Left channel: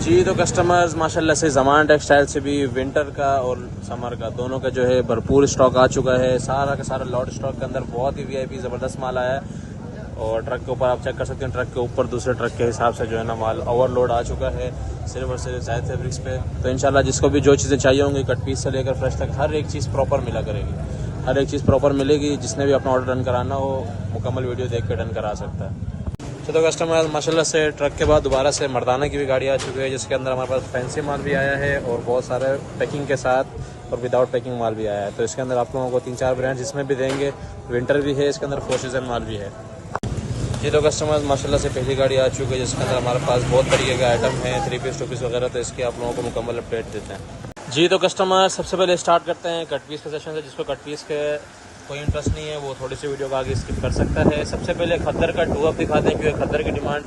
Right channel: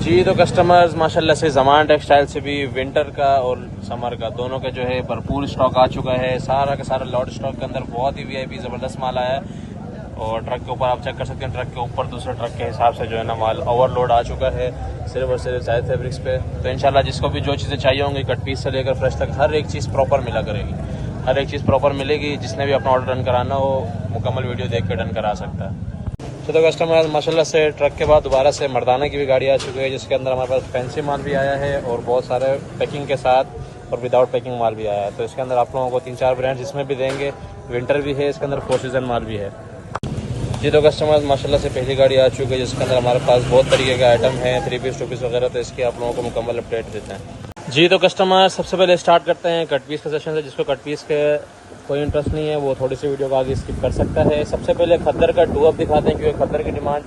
जी तो कस्टमर्स माशाल्लाह से ज़मान टेक्सटाइल से भी विंटर का और समर का दोनों का जो है भरपूर स्टॉक आ चुका है। सारा का सारा लॉट स्टॉक के अंदर बहुत ही वीआईपी ज़बरदस्त माल आया है। और ट्रक के ऊपर आप चेक कर सकते हैं, ट्रक के ऊपर दूसरे ट्रक के हिसाब से जो है ना माल ओवरलोड आ चुका है सिर्फ और सिर्फ जायद फैब्रिक्स पे। तो इंशाल्लाह जिसको भी जो चीज़ें चाहिए होंगी कट पीस से लेकर फ्रेश तक हर एक चीज़ प्रॉपर मिला करेगी, हर एक चीज़ प्रॉपर मिलेगी। जिसने भी अपना ऑर्डर डन कराना हो मुकम्मल वीडियो देख कर डन करा सकता है। तो कस्टमर माशाल्लाह से ट्रक के बाद दोबारा से मर्दाना की भी गाड़ी आ चुकी है, जिसके अंदर हमारे पास फैंसी माल भी आया है और बहुत सारे पैकिंग के साथ और विदाउट पैकिंग माल भी आया है। तो इसके अंदर आप लोगों को 3-4 ब्रांड्स इसमें भी देंगे। विंटर भी है, इसके अंदर 4 सीज़न माल भी है। जी तो कस्टमर माशाल्लाह से पहली गाड़ी आ चुकी है, जिसके अंदर हमारे पास बहुत तरीके का आइटम है, 3 पीस 2 पीस वगैरह। तो इसकी आप लोगों को मुकम्मल अपडेट देते हैं। जी तो कस्टमर सबसे पहले स्टार्ट करते हैं कट पीस के सेशन से। जिसको कट पीस के कोई इंटरेस्ट नहीं है वो थोड़ी सी वीडियो को आगे स्किप कर सकता है। सबसे पहले खद्दर का 2 अप दिखाते हैं, क्योंकि खद्दर की डिमांड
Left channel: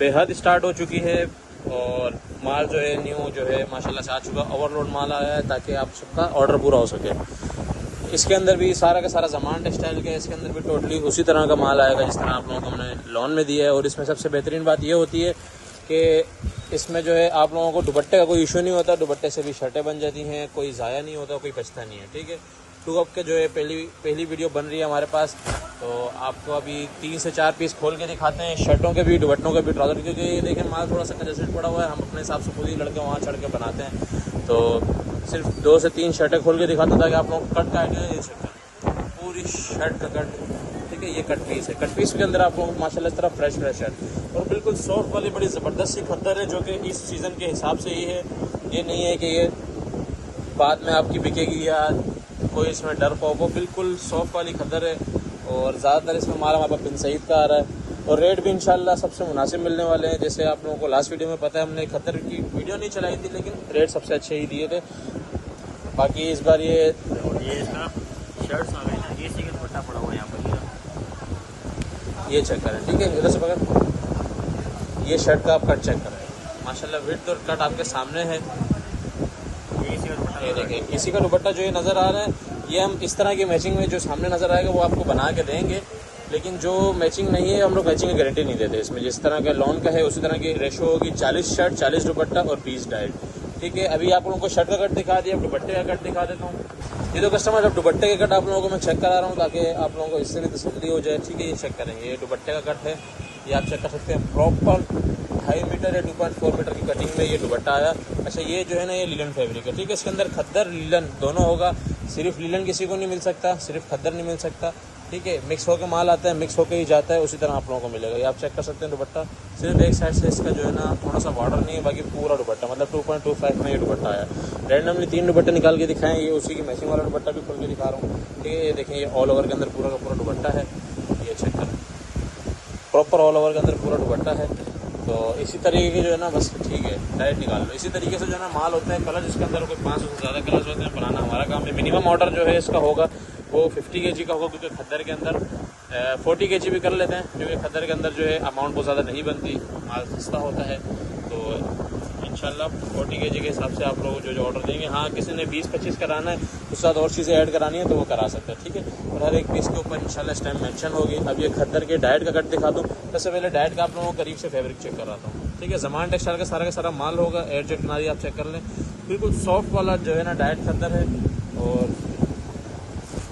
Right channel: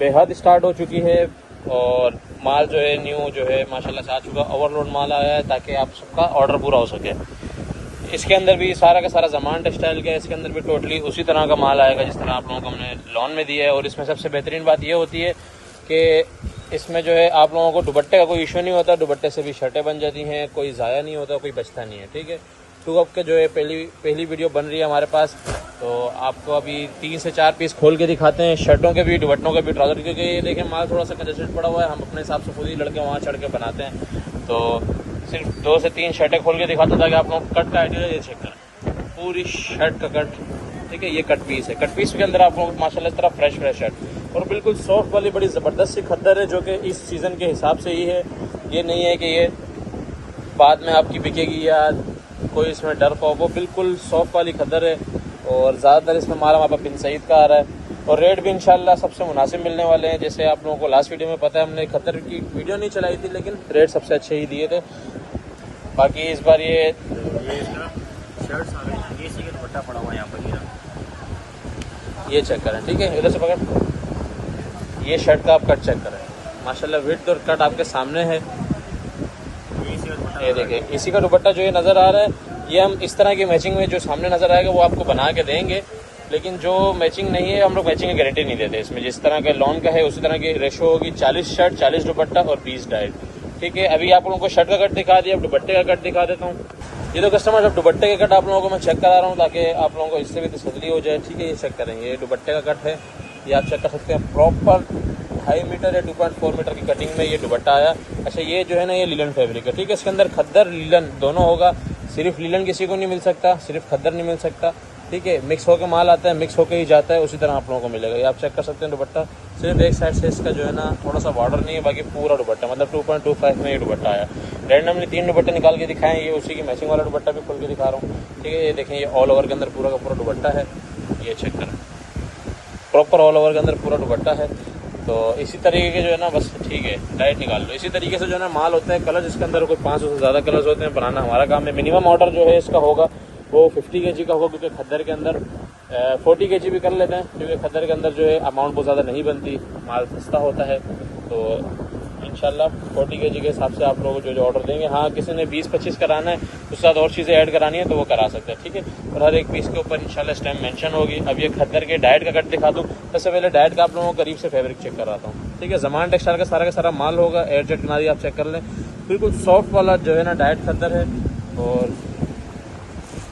बेहद स्टार्ट हो चुकी है और माल जो है न्यू जो है माशाल्लाह से आ चुका, ओवरलोड माल आया है ताकि आप सबका ऑर्डर पूरा हो सके। इसके अंदर भी सारा का सारा ज़मान टेक्सटाइल का है, इसके अंदर भी टोटली उसी तरह का माल आएगा जिस तरह आप लोगों को हमने लॉन में दिया है। और इसमें सबसे बेहतरीन बात ये होती है कि इसमें जो है आप लोगों को दुपट्टे का कोई इशू नहीं होता, दुपट्टे से भी शर्टें बन जाती हैं, कोई ज़ाया नहीं होता, कोई बचता नहीं है। ठीक है, 2 अप के जो है पहली वीडियो बन रही है हमारे पास। तो आपको अभी 3 से 4 पीस खोल के दिखाते हैं, शर्टों के भी, दुपट्टों के भी, ट्राउजर के। ये देखें माल थोड़ा सा कंजेस्टेड पड़ा हुआ है, हम अपने हिसाब से खुद ही लड़के वहाँ चढ़ के बनाते हैं। तो सिर्फ 2 से 3 शर्टें खोल के दिखाता था कि आप लोगों को कट का आइडिया। ये चेक करें, पूरी शर्ट का कट। ठीक है, ये कट पीस है। कट पीस के अंदर आप लोगों को माशाल्लाह इस तरह फ्रेश शर्ट और बिल्कुल सॉफ्ट वाली बड़ी ज़बरदस्त सी खद्दर है, जो कि इस सीज़न के हिसाब से ही है। ये नहीं है कि ये बाद में आपकी बिकेगी या कोई इसमें डर का हो। बिल्कुल सॉफ्ट वाली खद्दर है और ज़्यादातर इसमें हमारा वहाँ पर पिन सईद का आ रहा है। और रेट भी इंशाल्लाह सबसे मुनासिब मिलने वाले हैं। जैसे आप लोगों को लास्ट वीडियो में पता है, हमने खद्दर की वीडियो नहीं चलाई थी, लेकिन रेट सबसे अच्छे ही दिए थे। बाकी इस बार ये इसका शर्ट्स आ गए हैं, ये इसी के दुपट्टा पड़ा हुआ है यहाँ पर। ये चेक करें। ठीक है, इधर से पकड़, ये शर्ट का आप कट चेक करें। माशाल्लाह विड्थ और कट आपके सामने है। ये देखें, इसी का दुपट्टा जो ये नज़र आ रहा है, ये हम इस तरह की मैचिंग में जो सामने नज़र आएगा वो आपको बना के देंगे। लेकिन जो मैचिंग नहीं है हम लोग मैचिंग की गारंटी नहीं देते। इसमें जिस तरह का लॉन का है उसी तरह की रेशो होगी, 40 शर्ट 40 दुपट्टा और 20 डाइट। ठीक है, अभी आप लोगों को शर्ट का कट दिखा दिया, अब दुपट्टे का कट दिखा देता हूँ। ये तो कस्टमर अब दुपट्टे के कट आप लोगों को मैं चेक करा रहा हूँ ताकि आप लोगों को इससे भी तसल्ली हो जाए। ठीक है, ये चेक करेंगे, ये दुपट्टे का कट है, ये आप चेक कर सकते हैं। प्रॉपर 2.5 मीटर या 2.4 मीटर की कटिंग में ये दुपट्टा आया। अच्छा, ये जो है ना ये लीलन फैब्रिक है। ठीक है, इसके अंदर खद्दर लीलन दोनों होगा। सिर्फ लीलन किसी को नहीं मिल सकता, सिर्फ खद्दर नहीं मिल सकता। ठीक है, मिक्स होकर माल आता है, मिक्स होकर ही जाता है, उसी तरह आप लोगों को मिलेगा। ये आप चेक कर सकते हैं दुपट्टा, सिर्फ एक साइड से इसका जो है ना थोड़ा सा बॉर्डर नहीं है, बाकी पूरा दुपट्टा मतलब 2.25 में ये दुपट्टा आया। रैंडमली 3 दुपट्टे निकाल के दिखाएं, ये उसी की मैचिंग वाला दुपट्टा भी खोल के दिखा रहा हूँ। ठीक है, ये देखें, ये ऑल ओवर के अंदर पूरा का पूरा दुपट्टा है। ये चेक करें, प्रॉपर ऑल ओवर के अंदर पूरा दुपट्टा है। तो इसी तरीके के जो है ना, बस ठीक है डाइट निकाल लो। इसी तरीके से जो है ना माल होता है। कलर जिसके अंदर कोई 500 से ज़्यादा कलर्स होते हैं, बनाना हमारा काम है। मिनिमम ऑर्डर जो है इसका होगा वो 50 kg का होगा, क्योंकि खद्दर के अंदर 40 kg भी कर लेते हैं, क्योंकि खद्दर के अंदर जो है अमाउंट बहुत ज़्यादा नहीं बनती, माल सस्ता होता है। तो इंशाल्लाह 40 kg के हिसाब से आप लोग जो ऑर्डर देंगे। हाँ, किसी ने 20-25 कराना है, उसके साथ और चीज़ें ऐड करानी है तो वो करा सकते हैं। ठीक है, और हर एक पीस के ऊपर इंशाल्लाह स्टैम्प मेंशन होगी। अब ये खद्दर के डाइट का कट दिखा दूँ। सबसे पहले डाइट का आप लोगों को करीब से फैब्रिक चेक कराता हूँ। ठीक है, ज़मान टेक्सटाइल का सारा माल होगा। एयरजेट किनारी आप चेक कर लें, बिल्कुल सॉफ्ट वाला जो है ना डाइट खद्दर है। और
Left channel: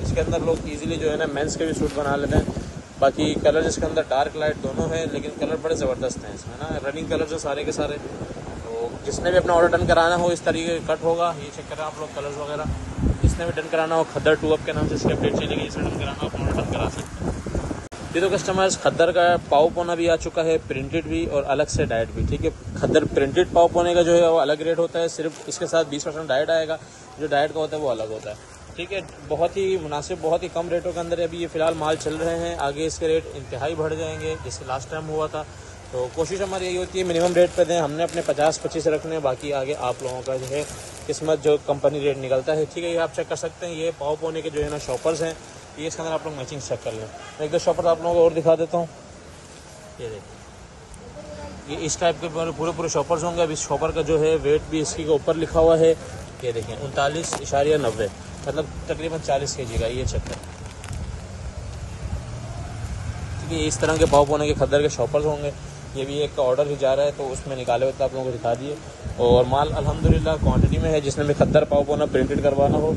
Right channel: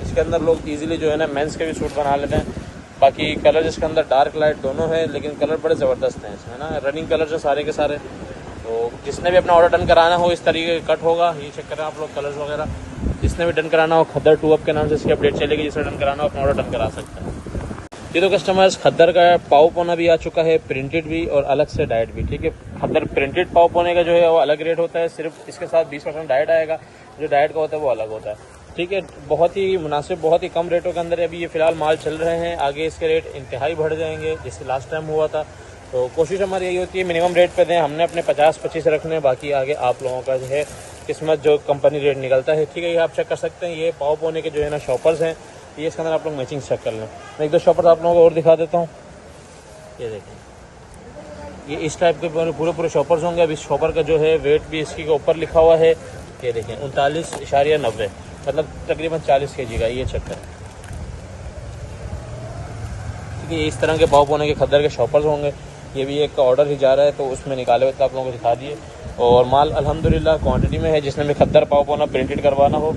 इसके अंदर लोग इजीली जो है ना मेंस के भी सूट बना लेते हैं। बाकी कलर इसके अंदर डार्क लाइट दोनों है, लेकिन कलर बड़े ज़बरदस्त हैं इसमें ना, रनिंग कलर जो सारे के सारे। तो जिसने भी अपना ऑर्डर डन कराना हो इस तरीके का कट होगा। ये चेक करें आप लोग कलर्स वगैरह, जिसने भी डन कराना हो खद्दर 2 अप के नाम से इसकी अपडेट चलेगी। जिसने डन कराना हो अपना ऑर्डर डन करा सकते हैं। ये तो कस्टमर्स खद्दर का पाव पोना भी आ चुका है, प्रिंटेड भी और अलग से डाइट भी। ठीक है, खद्दर प्रिंटेड पाव पोने का जो है वो अलग रेट होता है, सिर्फ इसके साथ 20% डाइट आएगा। जो डाइट का होता है वो अलग होता है। ठीक है, बहुत ही मुनासिब, बहुत ही कम रेटों के अंदर अभी ये फ़िलहाल माल चल रहे हैं। आगे इसके रेट इंतहाई बढ़ जाएंगे जैसे लास्ट टाइम हुआ था। तो कोशिश हमारी यही होती है मिनिमम रेट पे दें। हमने अपने 50-25 रखने, बाकी आगे आप लोगों का जो है किस्मत, जो कंपनी रेट निकलता है। ठीक है, ये आप चेक कर सकते हैं। ये पाव पोने के जो है ना शॉपर्स हैं, ये इसके अंदर आप लोग मैचिंग चेक कर लें। मैं 1-2 शॉपर्स आप लोगों को और दिखा देता हूँ। ये देखिए, ये इस टाइप के पूरे शॉपर्स होंगे। अब इस शॉपर का जो है वेट भी इसकी के ऊपर लिखा हुआ है। ये देखें 39.90, मतलब तकरीबन 40 kg का। ये चेक करें, ठीक है, इस तरह के पाव पोने के खद्दर के शॉपर्स होंगे। ये भी एक का ऑर्डर ही जा रहा है, तो उसमें निकाले हुए थे आप लोगों को दिखा दिए। और माल अल्हम्दुलिल्लाह क्वांटिटी में है। जिसने भी खद्दर पाव पोना प्रिंटेड करवाना हो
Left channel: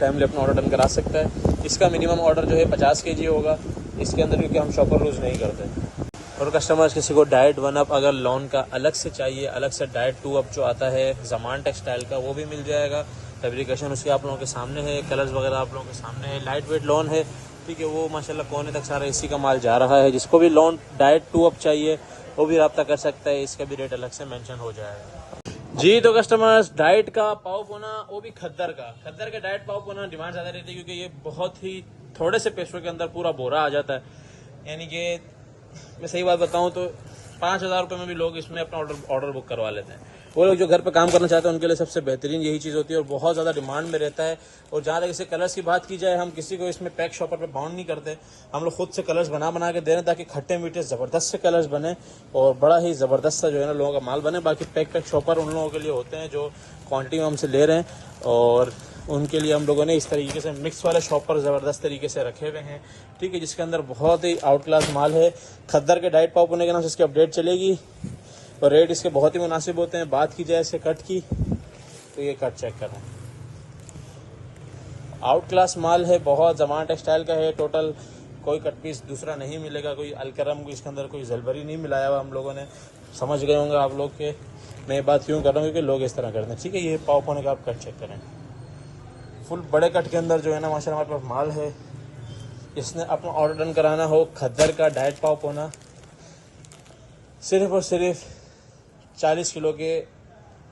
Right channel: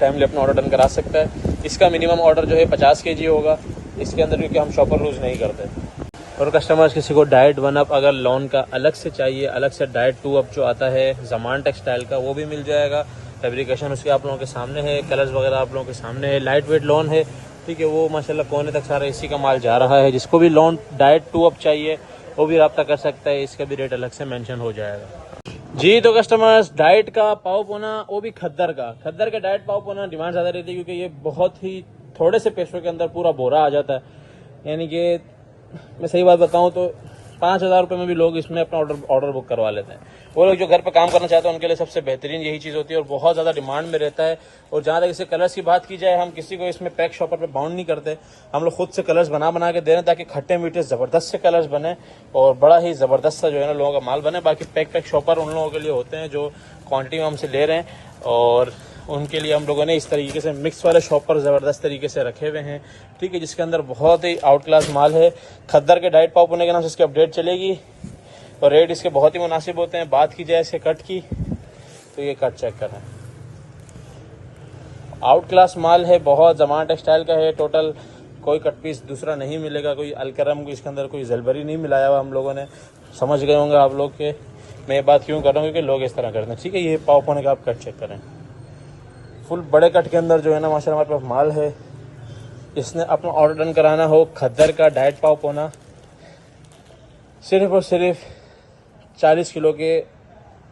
टाइमली अपना ऑर्डर डन करा सकता है। इसका मिनिमम ऑर्डर जो है 50 kg होगा इसके अंदर, क्योंकि हम शॉपर यूज़ नहीं करते। और कस्टमर्स किसी को डाइट 1 अप अगर लॉन का अलग से चाहिए, अलग से डाइट 2 अप जो आता है ज़मान टेक्सटाइल का, वो भी मिल जाएगा। फैब्रिकेशन उसके आप लोगों के सामने है, कलर्स वगैरह आप लोगों के सामने है। लाइट वेट लॉन है, ठीक है, वो माशाल्लाह कोने तक सारा इसी का माल जा रहा है। जिसको भी लॉन डाइट 2 अप चाहिए वो भी रब्ता कर सकता है, इसका भी रेट अलग से मेंशन हो जाएगा। जी तो कस्टमर्स, डाइट का पाव पोना, वो भी खद्दर का डाइट पाव पोना डिमांड ज़्यादा रहती है, क्योंकि ये बहुत ही थोड़े से पैसों के अंदर पूरा बोरा आ जाता है। यानी कि मैं सही बात बताऊं तो 5,000 रुपये में भी लोग इसमें अपना ऑर्डर बुक करवा लेते हैं। वो लोग जो घर पे काम करना चाहते हैं उनके लिए सबसे बेहतरीन यही चीज़ होती है और बहुत ज़्यादा डिमांड में रहता है। और जहाँ तक इससे कलर्स की बात की जाए, हम किसी को इसमें पैक शॉपर पे बाउंड नहीं करते, हम लोग खुद से कलर्स बना के दे रहे हैं ताकि खट्टे मीठे ज़बरदस्त से कलर्स बने और बड़ा ही ज़बरदस्त सा जो है ना लोगों का माल बने। बाकी पैक शॉपर उन लोगों के लिए होते हैं जो क्वान्टिटी में हमसे ले रहे हैं, और उनके लिए हम लोगों ने इस तरीके से मिक्स वाले शॉपर ज़बरदस्त तरीके से रखे हुए हैं, ठीक है, जिसके अंदर बहुत ही आउट क्लास माल है। खद्दर के डाइट पाव पुणे के नाम से इसकी अपडेट चलेगी और रेट इसके बहुत ही मुनासिब होते हैं। बात की जाए इसके कट की तो ये कट चेक करें, आउट क्लास माल है, बहुत ज़मान टेक्सटाइल का है। टोटल कोई कट पीस दूसरा नहीं मिलेगा, कोई अलकरम इसके अंदर कोई जलबरी नहीं मिलाया हुआ हम लोगों ने। समझ गए होंगे आप लोग के मैं ये बात क्यों कर रहा हूँ, क्योंकि लोग इस तरह करते हैं, ठीक है। ये पाव पुणे का आप कट चेक करें, फुल बड़े कट के अंदर जो है ना माशाल्लाह हमारे पास माल है। इसने अपना ऑर्डर डन कराना हो खद्दर का डाइट पाव पोना, सिर्फ और सिर्फ 40 किलो के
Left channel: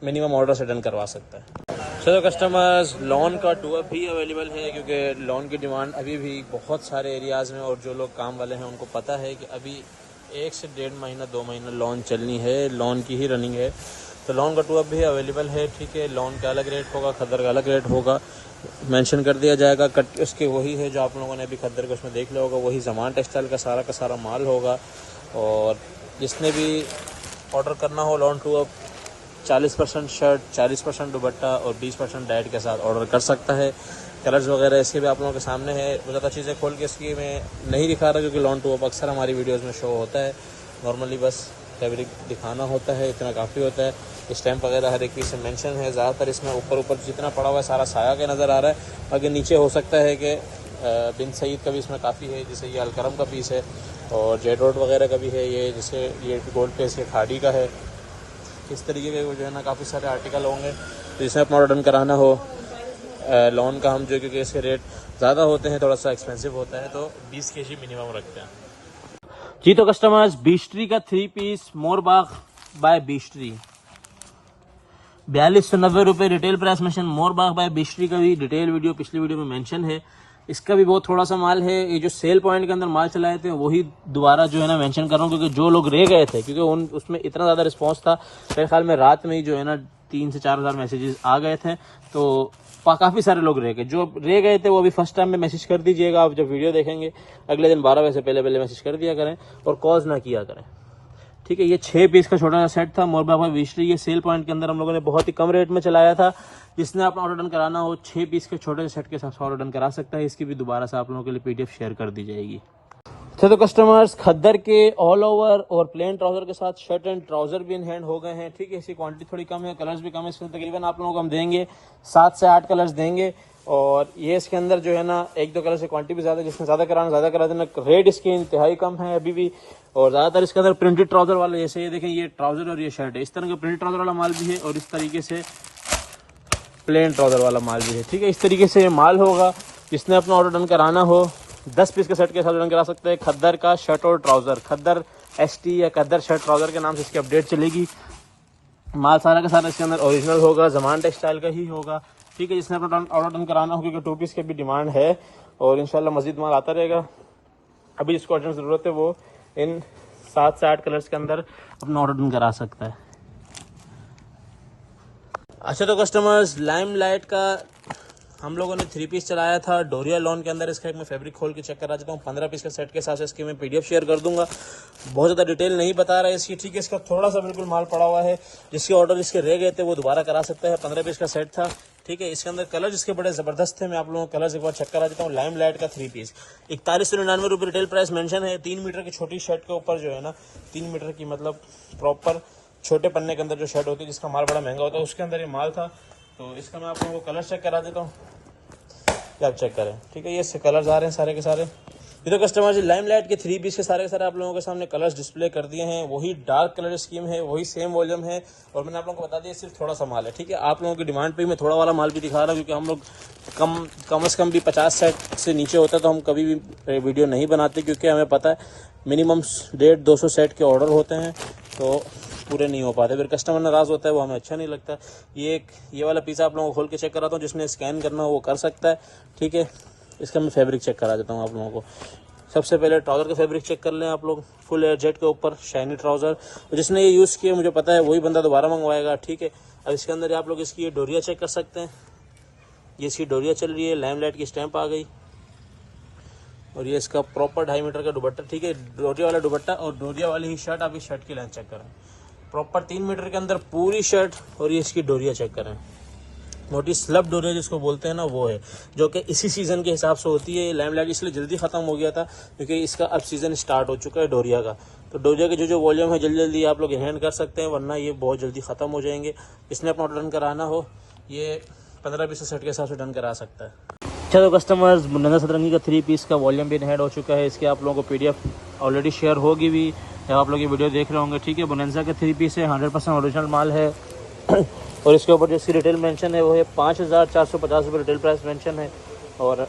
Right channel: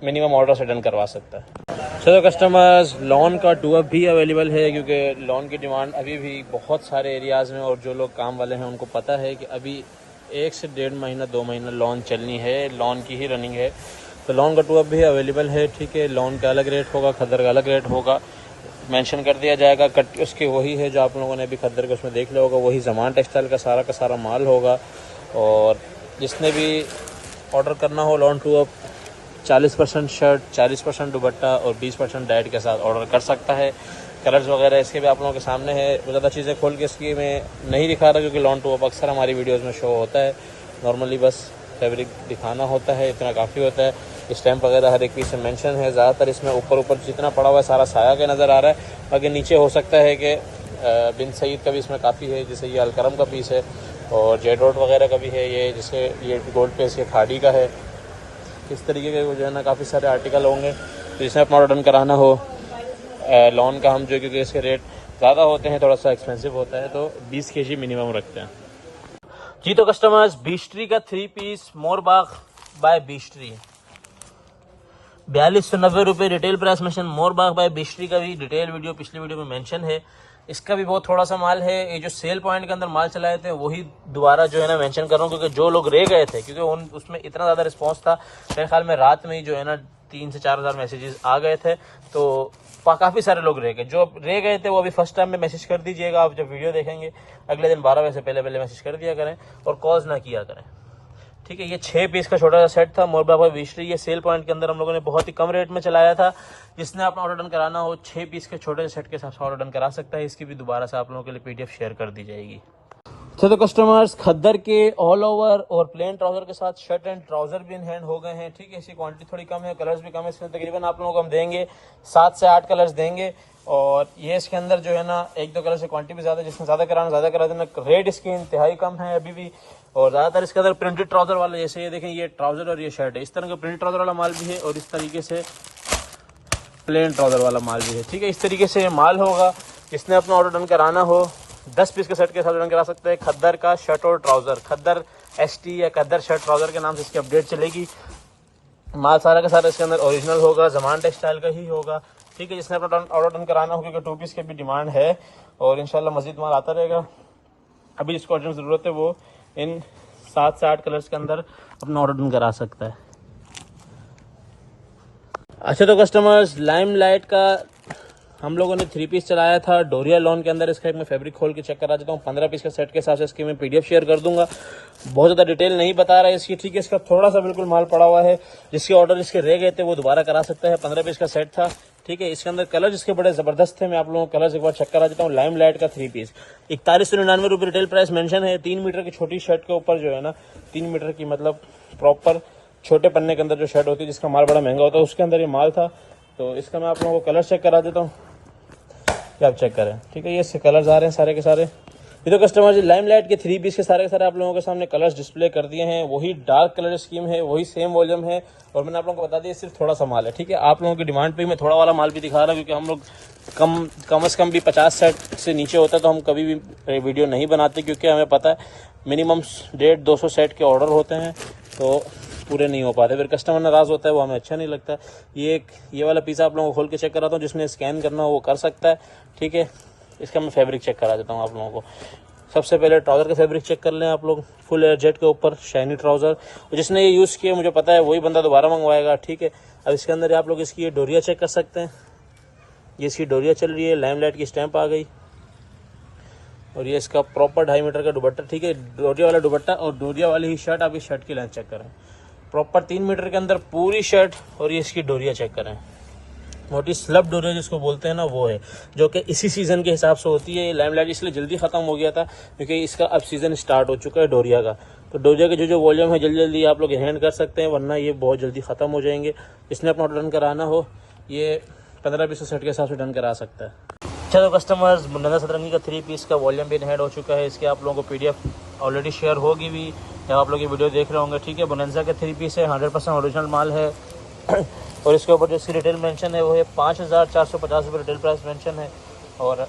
मिनिमम ऑर्डर से डन करवा सकता है। चलो कस्टमर्स, लॉन का 2 अप भी अवेलेबल है, क्योंकि लॉन की डिमांड अभी भी बहुत सारे एरियाज़ में, और जो लोग काम वाले हैं उनको पता है कि अभी 1 से 1.5 महीना 2 महीना लॉन चलनी है, लॉन की ही रनिंग है। तो लॉन का 2 अप भी अवेलेबल है, ठीक है। लॉन का अलग रेट होगा, खद्दर का अलग रेट होगा, मेंशन कर दिया जाएगा। कट उसके वही है जो आप लोगों ने अभी खद्दर के उसमें देख लिया होगा, वही ज़मान टेक्सटाइल का सारा माल होगा। और जिसने भी ऑर्डर करना हो लॉन 2 अप 40% शर्ट, 40% दुपट्टा और 20% डाइट के साथ ऑर्डर कर सकता है। कलर्स वगैरह इसके भी आप लोगों के सामने है। ज़्यादा चीज़ें खोल के इसकी मैं नहीं दिखा रहा, क्योंकि लॉन 2 अप अक्सर हमारी वीडियोज़ में शो होता है। नॉर्मली बस फैब्रिक दिखाना होता है, इतना काफ़ी होता है। स्टैम्प वगैरह हर एक पीस से मेंशन है। ज़्यादातर इसमें ऊपर जितना पड़ा हुआ है सारा साया के नज़र आ रहा है। बाकी नीचे हो सकता है कि बिन सईद का भी इसमें काफ़ी है, जैसे ये अलकरम का पीस है, और जेड रोड वगैरह का भी है। ये जैसे ये गोल्ड पेस ये खाड़ी का है। इस तरीके के जो है ना काफ़ी सारे आर्टिकल होंगे। तो जिसमें अपना ऑर्डर डन कराना हो लॉन का, हम जो क्योंकि इसके रेट ज़्यादा होते हैं, थोड़ा सा एक्सपेंसिव होता है, तो 20 kg मिनिमम रखते हैं। जी तो कस्टमर्स, बीस्ट्री का 3 पीस मोरबाग बाय बीस्ट्री 4290 रुपये retail price mention. Morbag bye बीस्ट्री का भी डिटेल वीडियो पिछली वीडियो में मेंशन है। इसका भी बहुत थोड़ा सा माल है। ये जो सेल पॉइंट के अंदर माल चलाए थे वही दोबारा जो है ना मेंशन कर रहा हूँ, क्योंकि जो लोग रह गए थे, क्योंकि उसमें इतना ज़्यादा रिस्पांस था, मेरे ख्याल में रात में ही जो है ना 3 से 4 हज़ार मैसेजेस आ गए थे, तो काफ़ी सारे लोग रह गए। जो रह गए थे वो अभी फर्स्ट टाइम में मैसेज कर दीजिएगा। आप जब वीडियो देखेंगे अगले दिन 12 बजे से पहले मैसेज कर दिया करें और कॉल्स ना किया करें, ठीक है। ये 6 पीस का छोटा सा सेट था मोरबाग बाय बीस्ट्री। ये सेल पॉइंट के अंदर हम लोगों ने बहुत ही कम रेट में चलाया था। जिसने अपना ऑर्डर डन कराना हो 6 पीस के छोटे सेट के साथ ऑर्डर डन करा सकता है। इसकी भी दोबारा से आप लोगों के लिए PDF शेयर कर दी जाएगी। तो कस्टमर्स, खद्दर के ऑल ओवर और प्लेन ट्राउजर के साथ शर्ट एंड ट्राउजर भी इन हैंड हो गए हैं, ठीक है। इसकी क्वांटिटी थोड़ी कम है, कलर्स भी कम है। इसमें तकरीबन आप लोगों को हम देंगे 7 से 8 कलर्स देंगे। और ये इसके अंदर जो है ना 1-2 कलर से क्वांटिटी भी ज़्यादा, जिसमें ज़्यादा करा देना। रेट इसकी इंतहाई कम है अभी भी। और ज़्यादातर इसके अंदर प्रिंटेड ट्राउजर वाले, जैसे ये देखें, ये ट्राउजर और ये शर्ट है, इस तरह के प्रिंटेड ट्राउजर वाला माल भी है और इस तरीके से प्लेन ट्राउजर वाला माल भी है, ठीक है। इस तरीके से माल होगा। जिसने अपना ऑर्डर डन कराना हो 10 पीस के सेट के साथ डन करा सकता है। खद्दर का शर्ट और ट्राउजर, खद्दर ST या खद्दर शर्ट ट्राउजर के नाम से इसकी अपडेट चलेगी। माल सारे के सारे इसके अंदर ओरिजिनल होगा, ज़मान टेक्सटाइल का ही होगा, ठीक है। जिसने अपना ऑर्डर डन कराना हो, क्योंकि 2 पीस की भी डिमांड है और इंशाल्लाह मज़ीद माल आता रहेगा। अभी इसको अर्जेंट ज़रूरत है, वो इन 7 से 8 कलर्स के अंदर अपना ऑर्डर डन करा सकता है। अच्छा तो कस्टमर्स, लाइमलाइट का हम लोगों ने 3 पीस चलाया था डोरिया लॉन के अंदर। इसका मैं फैब्रिक खोल के चेक करा देता हूँ। 15 पीस का सेट के हिसाब से इसकी मैं PDF शेयर कर दूंगा। बहुत ज़्यादा डिटेल नहीं बता रहा है इसकी, ठीक है। इसका थोड़ा सा बिल्कुल माल पड़ा हुआ है, जिसके ऑर्डर जिसके रह गए थे वो दोबारा करा सकता है। 15 पीस का सेट था, ठीक है। इसके अंदर कलर जिसके बड़े ज़बरदस्त थे, मैं आप लोगों को कलर्स एक बार चेक करा देता हूँ। लाइम लाइट का 3 पीस 4199 रुपये रिटेल प्राइस मेंशन है। 3 मीटर की छोटी शर्ट के ऊपर जो है ना, 3 मीटर की मतलब प्रॉपर छोटे पन्ने के अंदर जो शर्ट होती है जिसका माल बड़ा महंगा होता है, उसके अंदर ये माल था। तो इसका मैं आप लोगों को कलर चेक करा देता हूँ, क्या आप चेक करें, ठीक है। ये इसके कलर्स आ रहे हैं सारे के सारे। ये तो कस्टमर जी लाइम लाइट के 3 पीस के सारे आप लोगों के सामने कलर्स डिस्प्ले कर दिए हैं। वही डार्क कलर स्कीम है, वही सेम वॉल्यूम है, और मैंने आप लोगों को बता दिया सिर्फ थोड़ा सा माल है, ठीक है। आप लोगों की डिमांड पे मैं थोड़ा वाला माल भी दिखा रहा हूँ, क्योंकि हम लोग कम से कम भी 50 सेट से नीचे होता है तो हम कभी भी वीडियो नहीं बनाते, क्योंकि हमें पता है मिनिमम 150-200 सेट के ऑर्डर होते हैं तो पूरे नहीं हो पाते, फिर कस्टमर नाराज़ होता है, वो हमें अच्छा नहीं लगता। ये वाला पीस आप लोगों को खोल के चेक कराता हूँ, जिसने स्कैन करना हो वो कर सकता है, ठीक है। इसका मैं फैब्रिक चेक करा देता हूँ आप लोगों को। सबसे पहले ट्राउज़र का फैब्रिक चेक कर लें आप लोग। फुल एयर जेट के ऊपर शाइनी ट्राउज़र, जिसने ये यूज़ किया मुझे पता है वही बंदा दोबारा मंगवाएगा, ठीक है। अब इसके अंदर आप लोग इसकी ये डोरिया चेक कर सकते हैं। ये इसकी डोरिया चल रही है, लाइम लाइट की स्टैंप आ गई, और ये इसका प्रॉपर 2.5 मीटर का दुपट्टा, ठीक है। डोरिया वाला दुपट्टा और डोरिया वाली ही शर्ट। आप इस शर्ट की लेंथ चेक करें, प्रॉपर 3 मीटर के अंदर पूरी शर्ट, और ये इसकी डोरिया चेक करें। मोटी स्लब डोरिया जिसको बोलते हैं ना, वो है, जो कि इसी सीज़न के हिसाब से होती है। ये लाइम लाइट इसलिए जल्दी ख़त्म हो गया था क्योंकि इसका अब सीज़न स्टार्ट हो चुका है डोरिया का। तो डोरिया के जो वॉल्यूम है जल्दी जल्दी आप लोग हैंड कर सकते हैं, वरना ये बहुत जल्दी ख़त्म हो जाएंगे। इसने अपना ऑर्डर डन कराना हो, ये 15-20 सेट के हिसाब से डन करा सकता है। चलो कस्टमर्स, नंगा सतरंगी का 3 पीस का वॉल्यूम भी ऐड हो चुका है। इसके आप लोगों को PDF ऑलरेडी शेयर होगी भी, या आप लोग ये वीडियो देख रहे होंगे, ठीक है। बोनेंजा का 3 पीस है, 100% ओरिजिनल माल है। और इसके ऊपर जो इसकी रिटेल मेंशन है वो है 5450 रुपये रिटेल प्राइस मेंशन है, और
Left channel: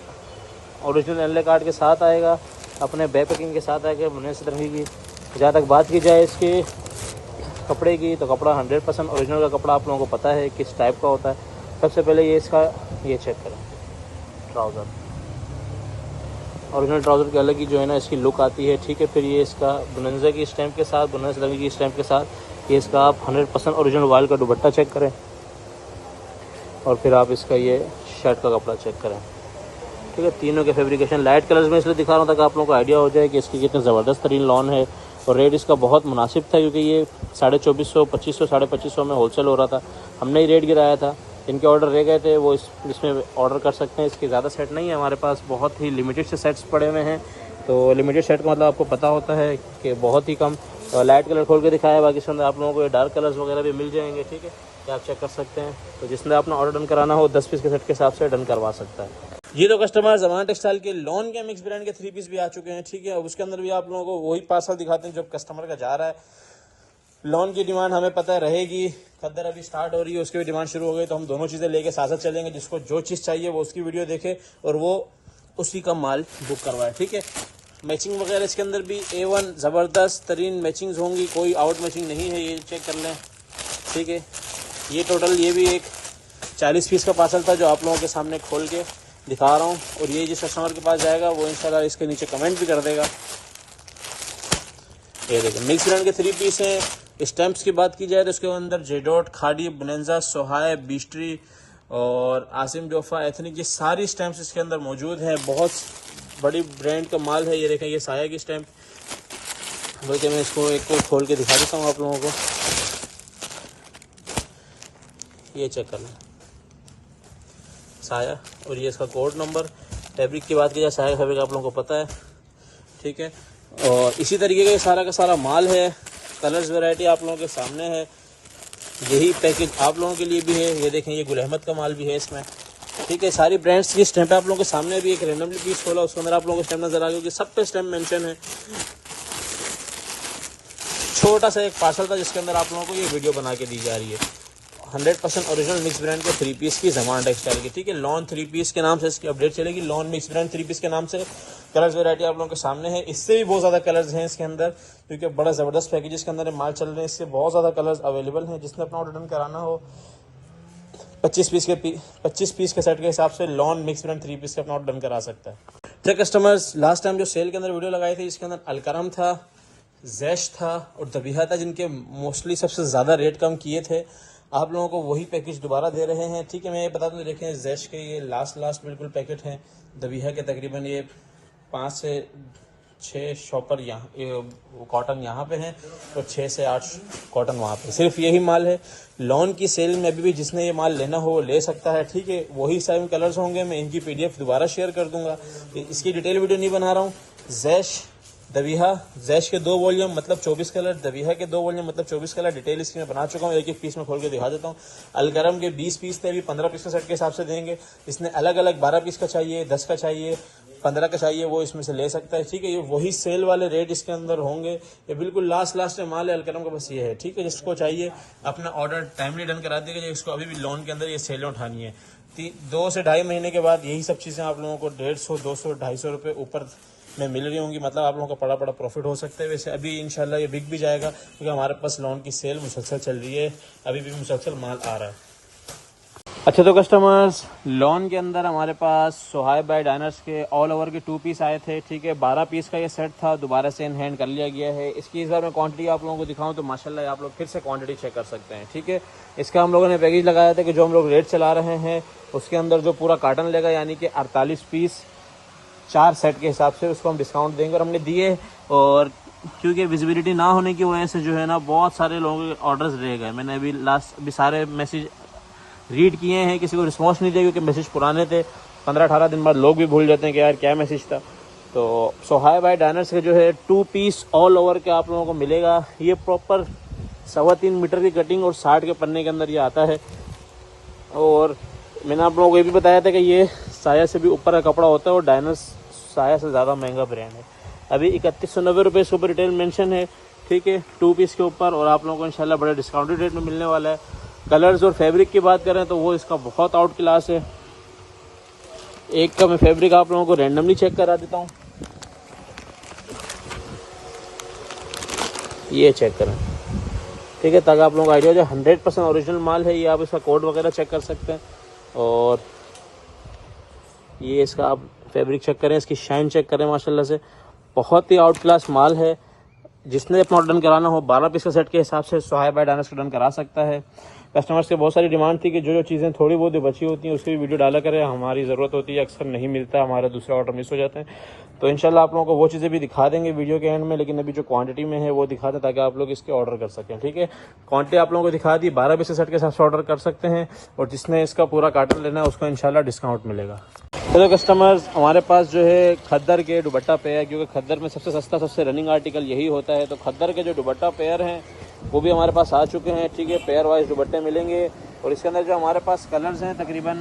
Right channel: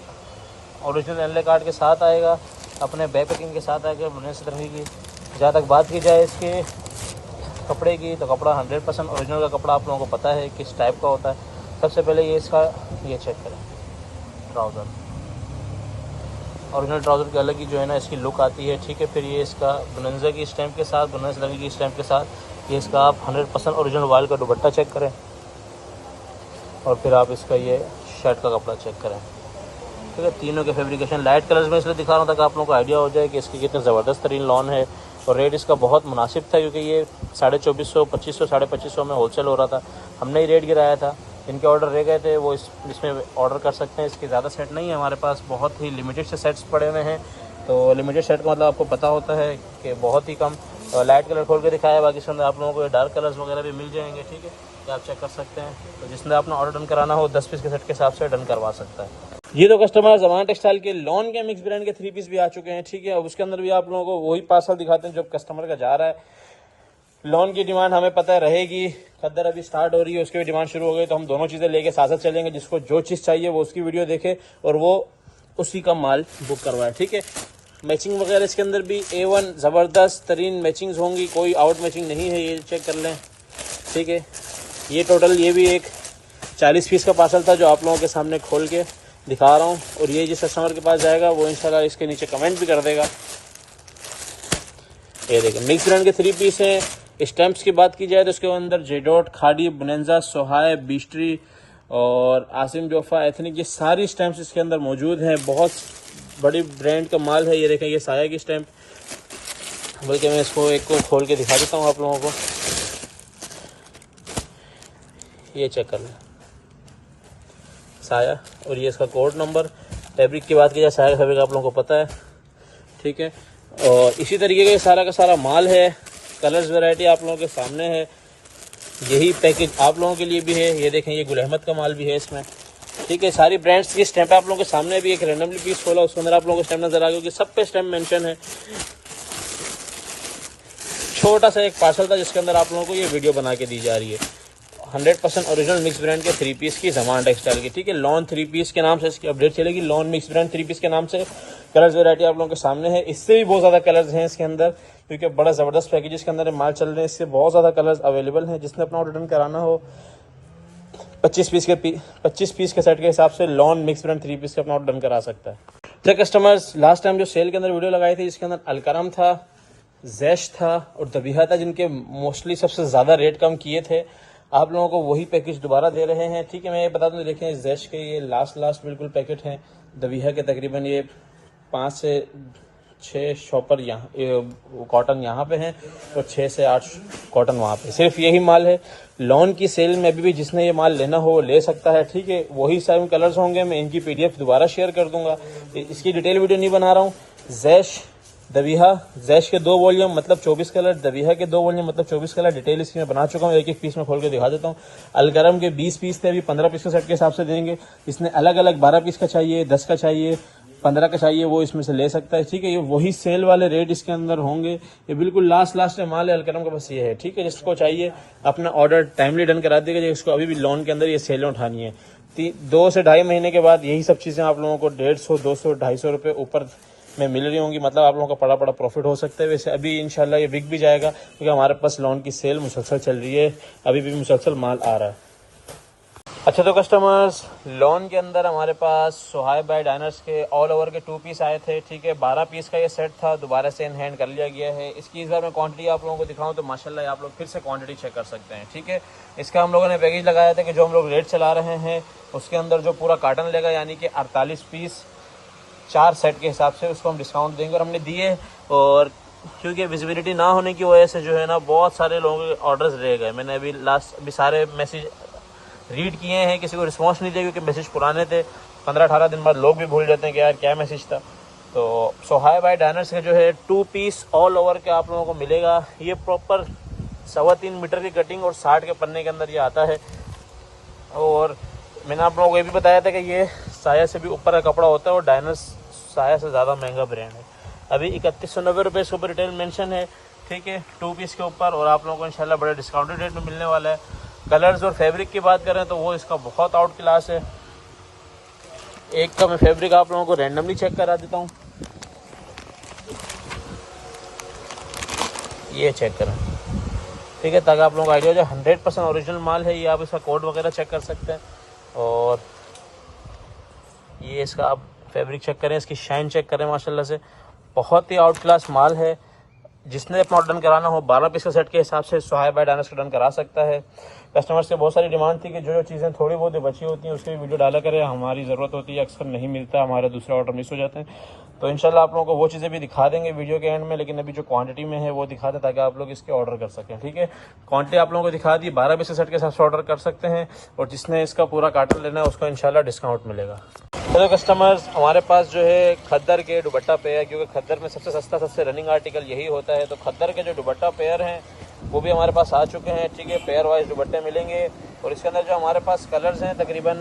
ओरिजिनल एनले कार्ड के साथ आएगा, अपने बैक पैकिंग के साथ आएगा बोनेंजा सतरंगी की। जहाँ तक बात की जाए इसके कपड़े की, तो कपड़ा 100% ओरिजिनल का कपड़ा आप लोगों को पता है किस टाइप का होता है। सबसे पहले ये इसका ये चेक करें ट्राउज़र, ओरिजिनल ट्राउज़र की अलग ही जो है ना इसकी लुक आती है, ठीक है। फिर ये इसका बोनेंजा की स्टैंप के साथ, बोनेंजा सतरंगी की स्टैंप के साथ, ये इसका आप 100% ओरिजिनल वाल का दुपट्टा चेक करें, और फिर आप इसका ये शर्ट का कपड़ा चेक करें, ठीक है। तीनों के फैब्रिकेशन लाइट कलर्स में इसलिए दिखा रहा हूँ ताकि आप लोगों को आइडिया हो जाए कि इसकी कितना ज़बरदस्त तरीन लॉन है। और रेट इसका बहुत मुनासिब था, क्योंकि ये 2450, 2500, 2550 में होलसेल हो रहा था। हमने ही रेट गिराया था। इनके ऑर्डर रह गए थे वो इसमें ऑर्डर कर सकते हैं। इसके ज़्यादा सेट नहीं है हमारे पास, बहुत ही लिमिटेड से सेट्स पड़े हुए हैं। तो लिमिटेड सेट का मतलब आपको पता होता है कि बहुत ही कम। लाइट कलर खोल के दिखाया, बाकी इसमें आप लोगों को डार्क कलर्स वगैरह भी मिल जाएंगे, ठीक है। तो आप चेक कर सकते हैं। तो जिसने अपना ऑर्डर डन कराना हो 10 पीस के सेट के हिसाब से डन करवा सकता है। ये तो कस्टमर ज़माना टेक्सटाइल के लॉन के मिक्स ब्रांड के 3 पीस भी आ चुके हैं, ठीक है। अब उसके अंदर भी आप लोगों को वही पार्सल दिखाते हैं जो कस्टमर का जा रहा है। लॉन की डिमांड हमें पता है रहेगी, खद्दर अभी स्टार्ट हो रही है, उसकी भी डिमांड शुरू हो गई, तो हम दोनों चीज़ें लेके साथ साथ चलेंगे। जिसको जो चीज़ चाहिए वो उसकी वीडियो देखे और वो उसी का माल बुक करवाए, ठीक है। मैचिंग वगैरह इसके अंदर भी A1 ज़बरदस्त तरीन मैचिंग्स होंगी, कोई आउट मैचिंग नहीं है, ये चेक कर लें, ठीक है। ये टोटल ये भी एक 40 पीस का पार्सल था जो आप लोगों के सामने खोल के दिखा रहा हूँ। और ये जिस कस्टमर के पास जाएगा वो इंशाल्लाह इसके नीचे कमेंट भी कर देगा। ये देखिए मिक्स ब्रांड के 3 पीस हैं। स्टैम्प्स की बात की जाए तो इसके अंदर जेडोट, खाड़ी, बोनेंजा, सोहाय, बीस्ट्री और आसिम जोफा, एथनिक, ये सारी स्टैम्प्स इसके अंदर मौजूद हैं। बहुत बड़ी ब्रांड का माल है। ये देखें, ये साया की स्टैम्प, बल्कि मैं इसको एक को खोल के दिखा देता हूँ आप लोगों को। ये चेक कर लें, साया, और ये इसका कोड नंबर। फैब्रिक की बात की जाए, साया का फैब्रिक आप लोगों को पता है, ठीक है। और इसी तरीके का सारा का सारा माल है। कलर्स वैरायटी आप लोगों के सामने है। यही पैकेज आप लोगों के लिए भी है। ये देखें, ये गुल अहमद का माल भी है इसमें, ठीक है। सारी ब्रांड्स की स्टैंप आप लोगों के सामने भी। एक रैंडमली पीस खोला, उसके अंदर आप लोगों को स्टैंप नजर आ गया कि सब पे स्टैंप मेंशन है। छोटा सा एक पार्सल था जिसके अंदर आप लोगों को ये वीडियो बना के दी जा रही है। 100% ओरिजिनल मिक्स ब्रांड के 3 पीस की ज़माना टेक्सटाइल की, ठीक है। लॉन 3 पीस के नाम से इसकी अपडेट चलेगी। लॉन मिक्स ब्रांड 3 पीस के नाम से कलर्स वैरायटी आप लोगों के सामने है। इससे भी बहुत ज़्यादा कलर्स हैं इसके अंदर, क्योंकि बड़ा ज़बरदस्त पैकेज के अंदर माल चल रहे हैं। इससे बहुत ज़्यादा कलर्स अवेलेबल हैं। जिसने अपना ऑर्डर कराना हो 25 पीस के सेट के हिसाब से लॉन मिक्स ब्रांड 3 पीस का अपना ऑर्डर करा सकता है। तो कस्टमर्स, लास्ट टाइम जो सेल के अंदर वीडियो लगाई थी जिसके अंदर अलकरम था, जैश था और दबीहा था, जिनके मोस्टली सबसे ज़्यादा रेट कम किए थे। आप लोगों को वही पैकेज दोबारा दे रहे हैं। ठीक है, मैं ये बता दूँ, देखें जैश के ये लास्ट बिल्कुल पैकेट हैं दबीहा के, तकरीबन ये 5 से 6 शॉपर यहाँ कॉटन यहाँ पे हैं और 6 से 8 कॉटन वहाँ पे। सिर्फ यही माल है। लॉन की सेल में अभी भी जिसने ये माल लेना हो ले सकता है। ठीक है, वही सेम कलर्स होंगे। मैं इनकी PDF दोबारा शेयर कर दूंगा। इसकी डिटेल वीडियो नहीं बना रहा हूँ। जैश दबीहा, जैश के 2 वॉल्यूम मतलब 24 कलर, दबीहा के 2 वॉल्यूम मतलब 24 कलर। डिटेल इसकी मैं बना चुका हूँ, एक पीस में खोल के दिखा देता हूँ। अलगरम के 20 पीस थे, अभी 15 पीस के सेट के हिसाब से देंगे। इसने अलग अलग 12 पीस का चाहिए, 10 का चाहिए, 15 का चाहिए, वो इसमें से ले सकता है। ठीक है, ये वही सेल वाले रेट इसके अंदर होंगे। ये बिल्कुल लास्ट में माल है अलकरम का, बस ये है। ठीक है, जिसको चाहिए अपना ऑर्डर टाइमली डन करा देगा। जिसको अभी भी लॉन के अंदर ये सेलें उठानी है, 2 से 2.5 महीने के बाद यही सब चीज़ें आप लोगों को 150, 200, 250 रुपये ऊपर में मिल रही होंगी। मतलब आप लोगों का बड़ा प्रॉफिट हो सकता है। वैसे अभी इंशाल्लाह ये बिक भी जाएगा, क्योंकि हमारे पास लॉन की सेल मुसलसल चल रही है, अभी भी मुसलसल माल आ रहा है। अच्छा, तो कस्टमर्स, लॉन के अंदर हमारे पास सुहाइब बाय डाइनर्स के ऑल ओवर के 2 पीस आए थे। ठीक है, 12 पीस का ये सेट था, दोबारा से इन हैंड कर लिया गया है। इसकी इस बार मैं क्वांटिटी आप लोगों को दिखाऊं तो माशाल्लाह आप लोग फिर से क्वांटिटी चेक कर सकते हैं। ठीक है, इसका हम लोगों ने पैकेज लगाया था कि जो हम लोग रेट चला रहे हैं उसके अंदर जो पूरा कार्टन लेगा, यानी कि 48 पीस 4 सेट के हिसाब से, उसको हम डिस्काउंट देंगे और हमने दिए। और क्योंकि विजिबिलिटी ना होने की वजह से जो है ना बहुत सारे लोगों के ऑर्डर्स रह गए। मैंने अभी सारे मैसेज रीड किए हैं, किसी को रिस्पांस नहीं दिया क्योंकि मैसेज पुराने थे। 15-18 दिन बाद लोग भी भूल जाते हैं कि यार क्या मैसेज था। तो सुहाइब बाय डाइनर्स के जो है 2 पीस ऑल ओवर के आप लोगों को मिलेगा। ये प्रॉपर 3.25 मीटर की कटिंग और 60 के पन्ने के अंदर ये आता है। और मैंने आप लोगों को ये भी बताया था कि ये साया से भी ऊपर का कपड़ा होता है और डाइनर्स साया से ज़्यादा महंगा ब्रांड है। अभी 3190 रुपये सुपर रिटेल मेंशन है। ठीक है, 2 पीस के ऊपर, और आप लोगों को इंशाल्लाह बड़ा डिस्काउंटेड रेट में मिलने वाला है। कलर्स और फैब्रिक की बात करें तो वो इसका बहुत आउट क्लास है। एक तो मैं फैब्रिक आप लोगों को रैंडमली चेक करा देता हूँ, ये चेक करें। ठीक है, ताकि आप लोगों को आइडिया जो 100% ओरिजिनल माल है। ये आप इसका कोड वगैरह चेक कर सकते हैं। और ये इसका आप फैब्रिक चेक करें, इसकी शाइन चेक करें, माशाल्लाह से बहुत ही आउट क्लास माल है। जिसने अपना डन कराना हो 12 पीस का सेट के हिसाब से सुहाइब बाय डाइनर्स का डन करा सकता है। कस्टमर्स से बहुत सारी डिमांड थी कि जो चीज़ें थोड़ी बहुत बची होती हैं उसकी भी वीडियो डाला करें, हमारी ज़रूरत होती है, अक्सर नहीं मिलता, हमारा दूसरा ऑर्डर मिस हो जाता है। तो इंशाल्लाह आप लोगों को वो चीज़ें भी दिखा देंगे वीडियो के एंड में, लेकिन अभी जो क्वांटिटी में है वो दिखा था ताकि आप लोग इसके ऑर्डर कर सकें। ठीक है, क्वांटिटी आप लोगों को दिखा दी, 12 पीस के सेट के हिसाब से ऑर्डर कर सकते हैं। और जिसने इसका पूरा कार्टन लेना है उसको इंशाल्लाह डिस्काउंट मिलेगा। तो कस्टमर्स, हमारे पास जो है खद्दर के दुपट्टा पेयर, क्योंकि खद्दर में सबसे सस्ता सबसे रनिंग आर्टिकल यही होता है, तो खद्दर के जो दुपट्टा पेयर हैं वो भी हमारे पास आ चुके हैं। ठीक है, पेयर वाइज दुपट्टे मिलेंगे। और इसके अंदर जो हमारे पास कलर्स हैं तकरीबन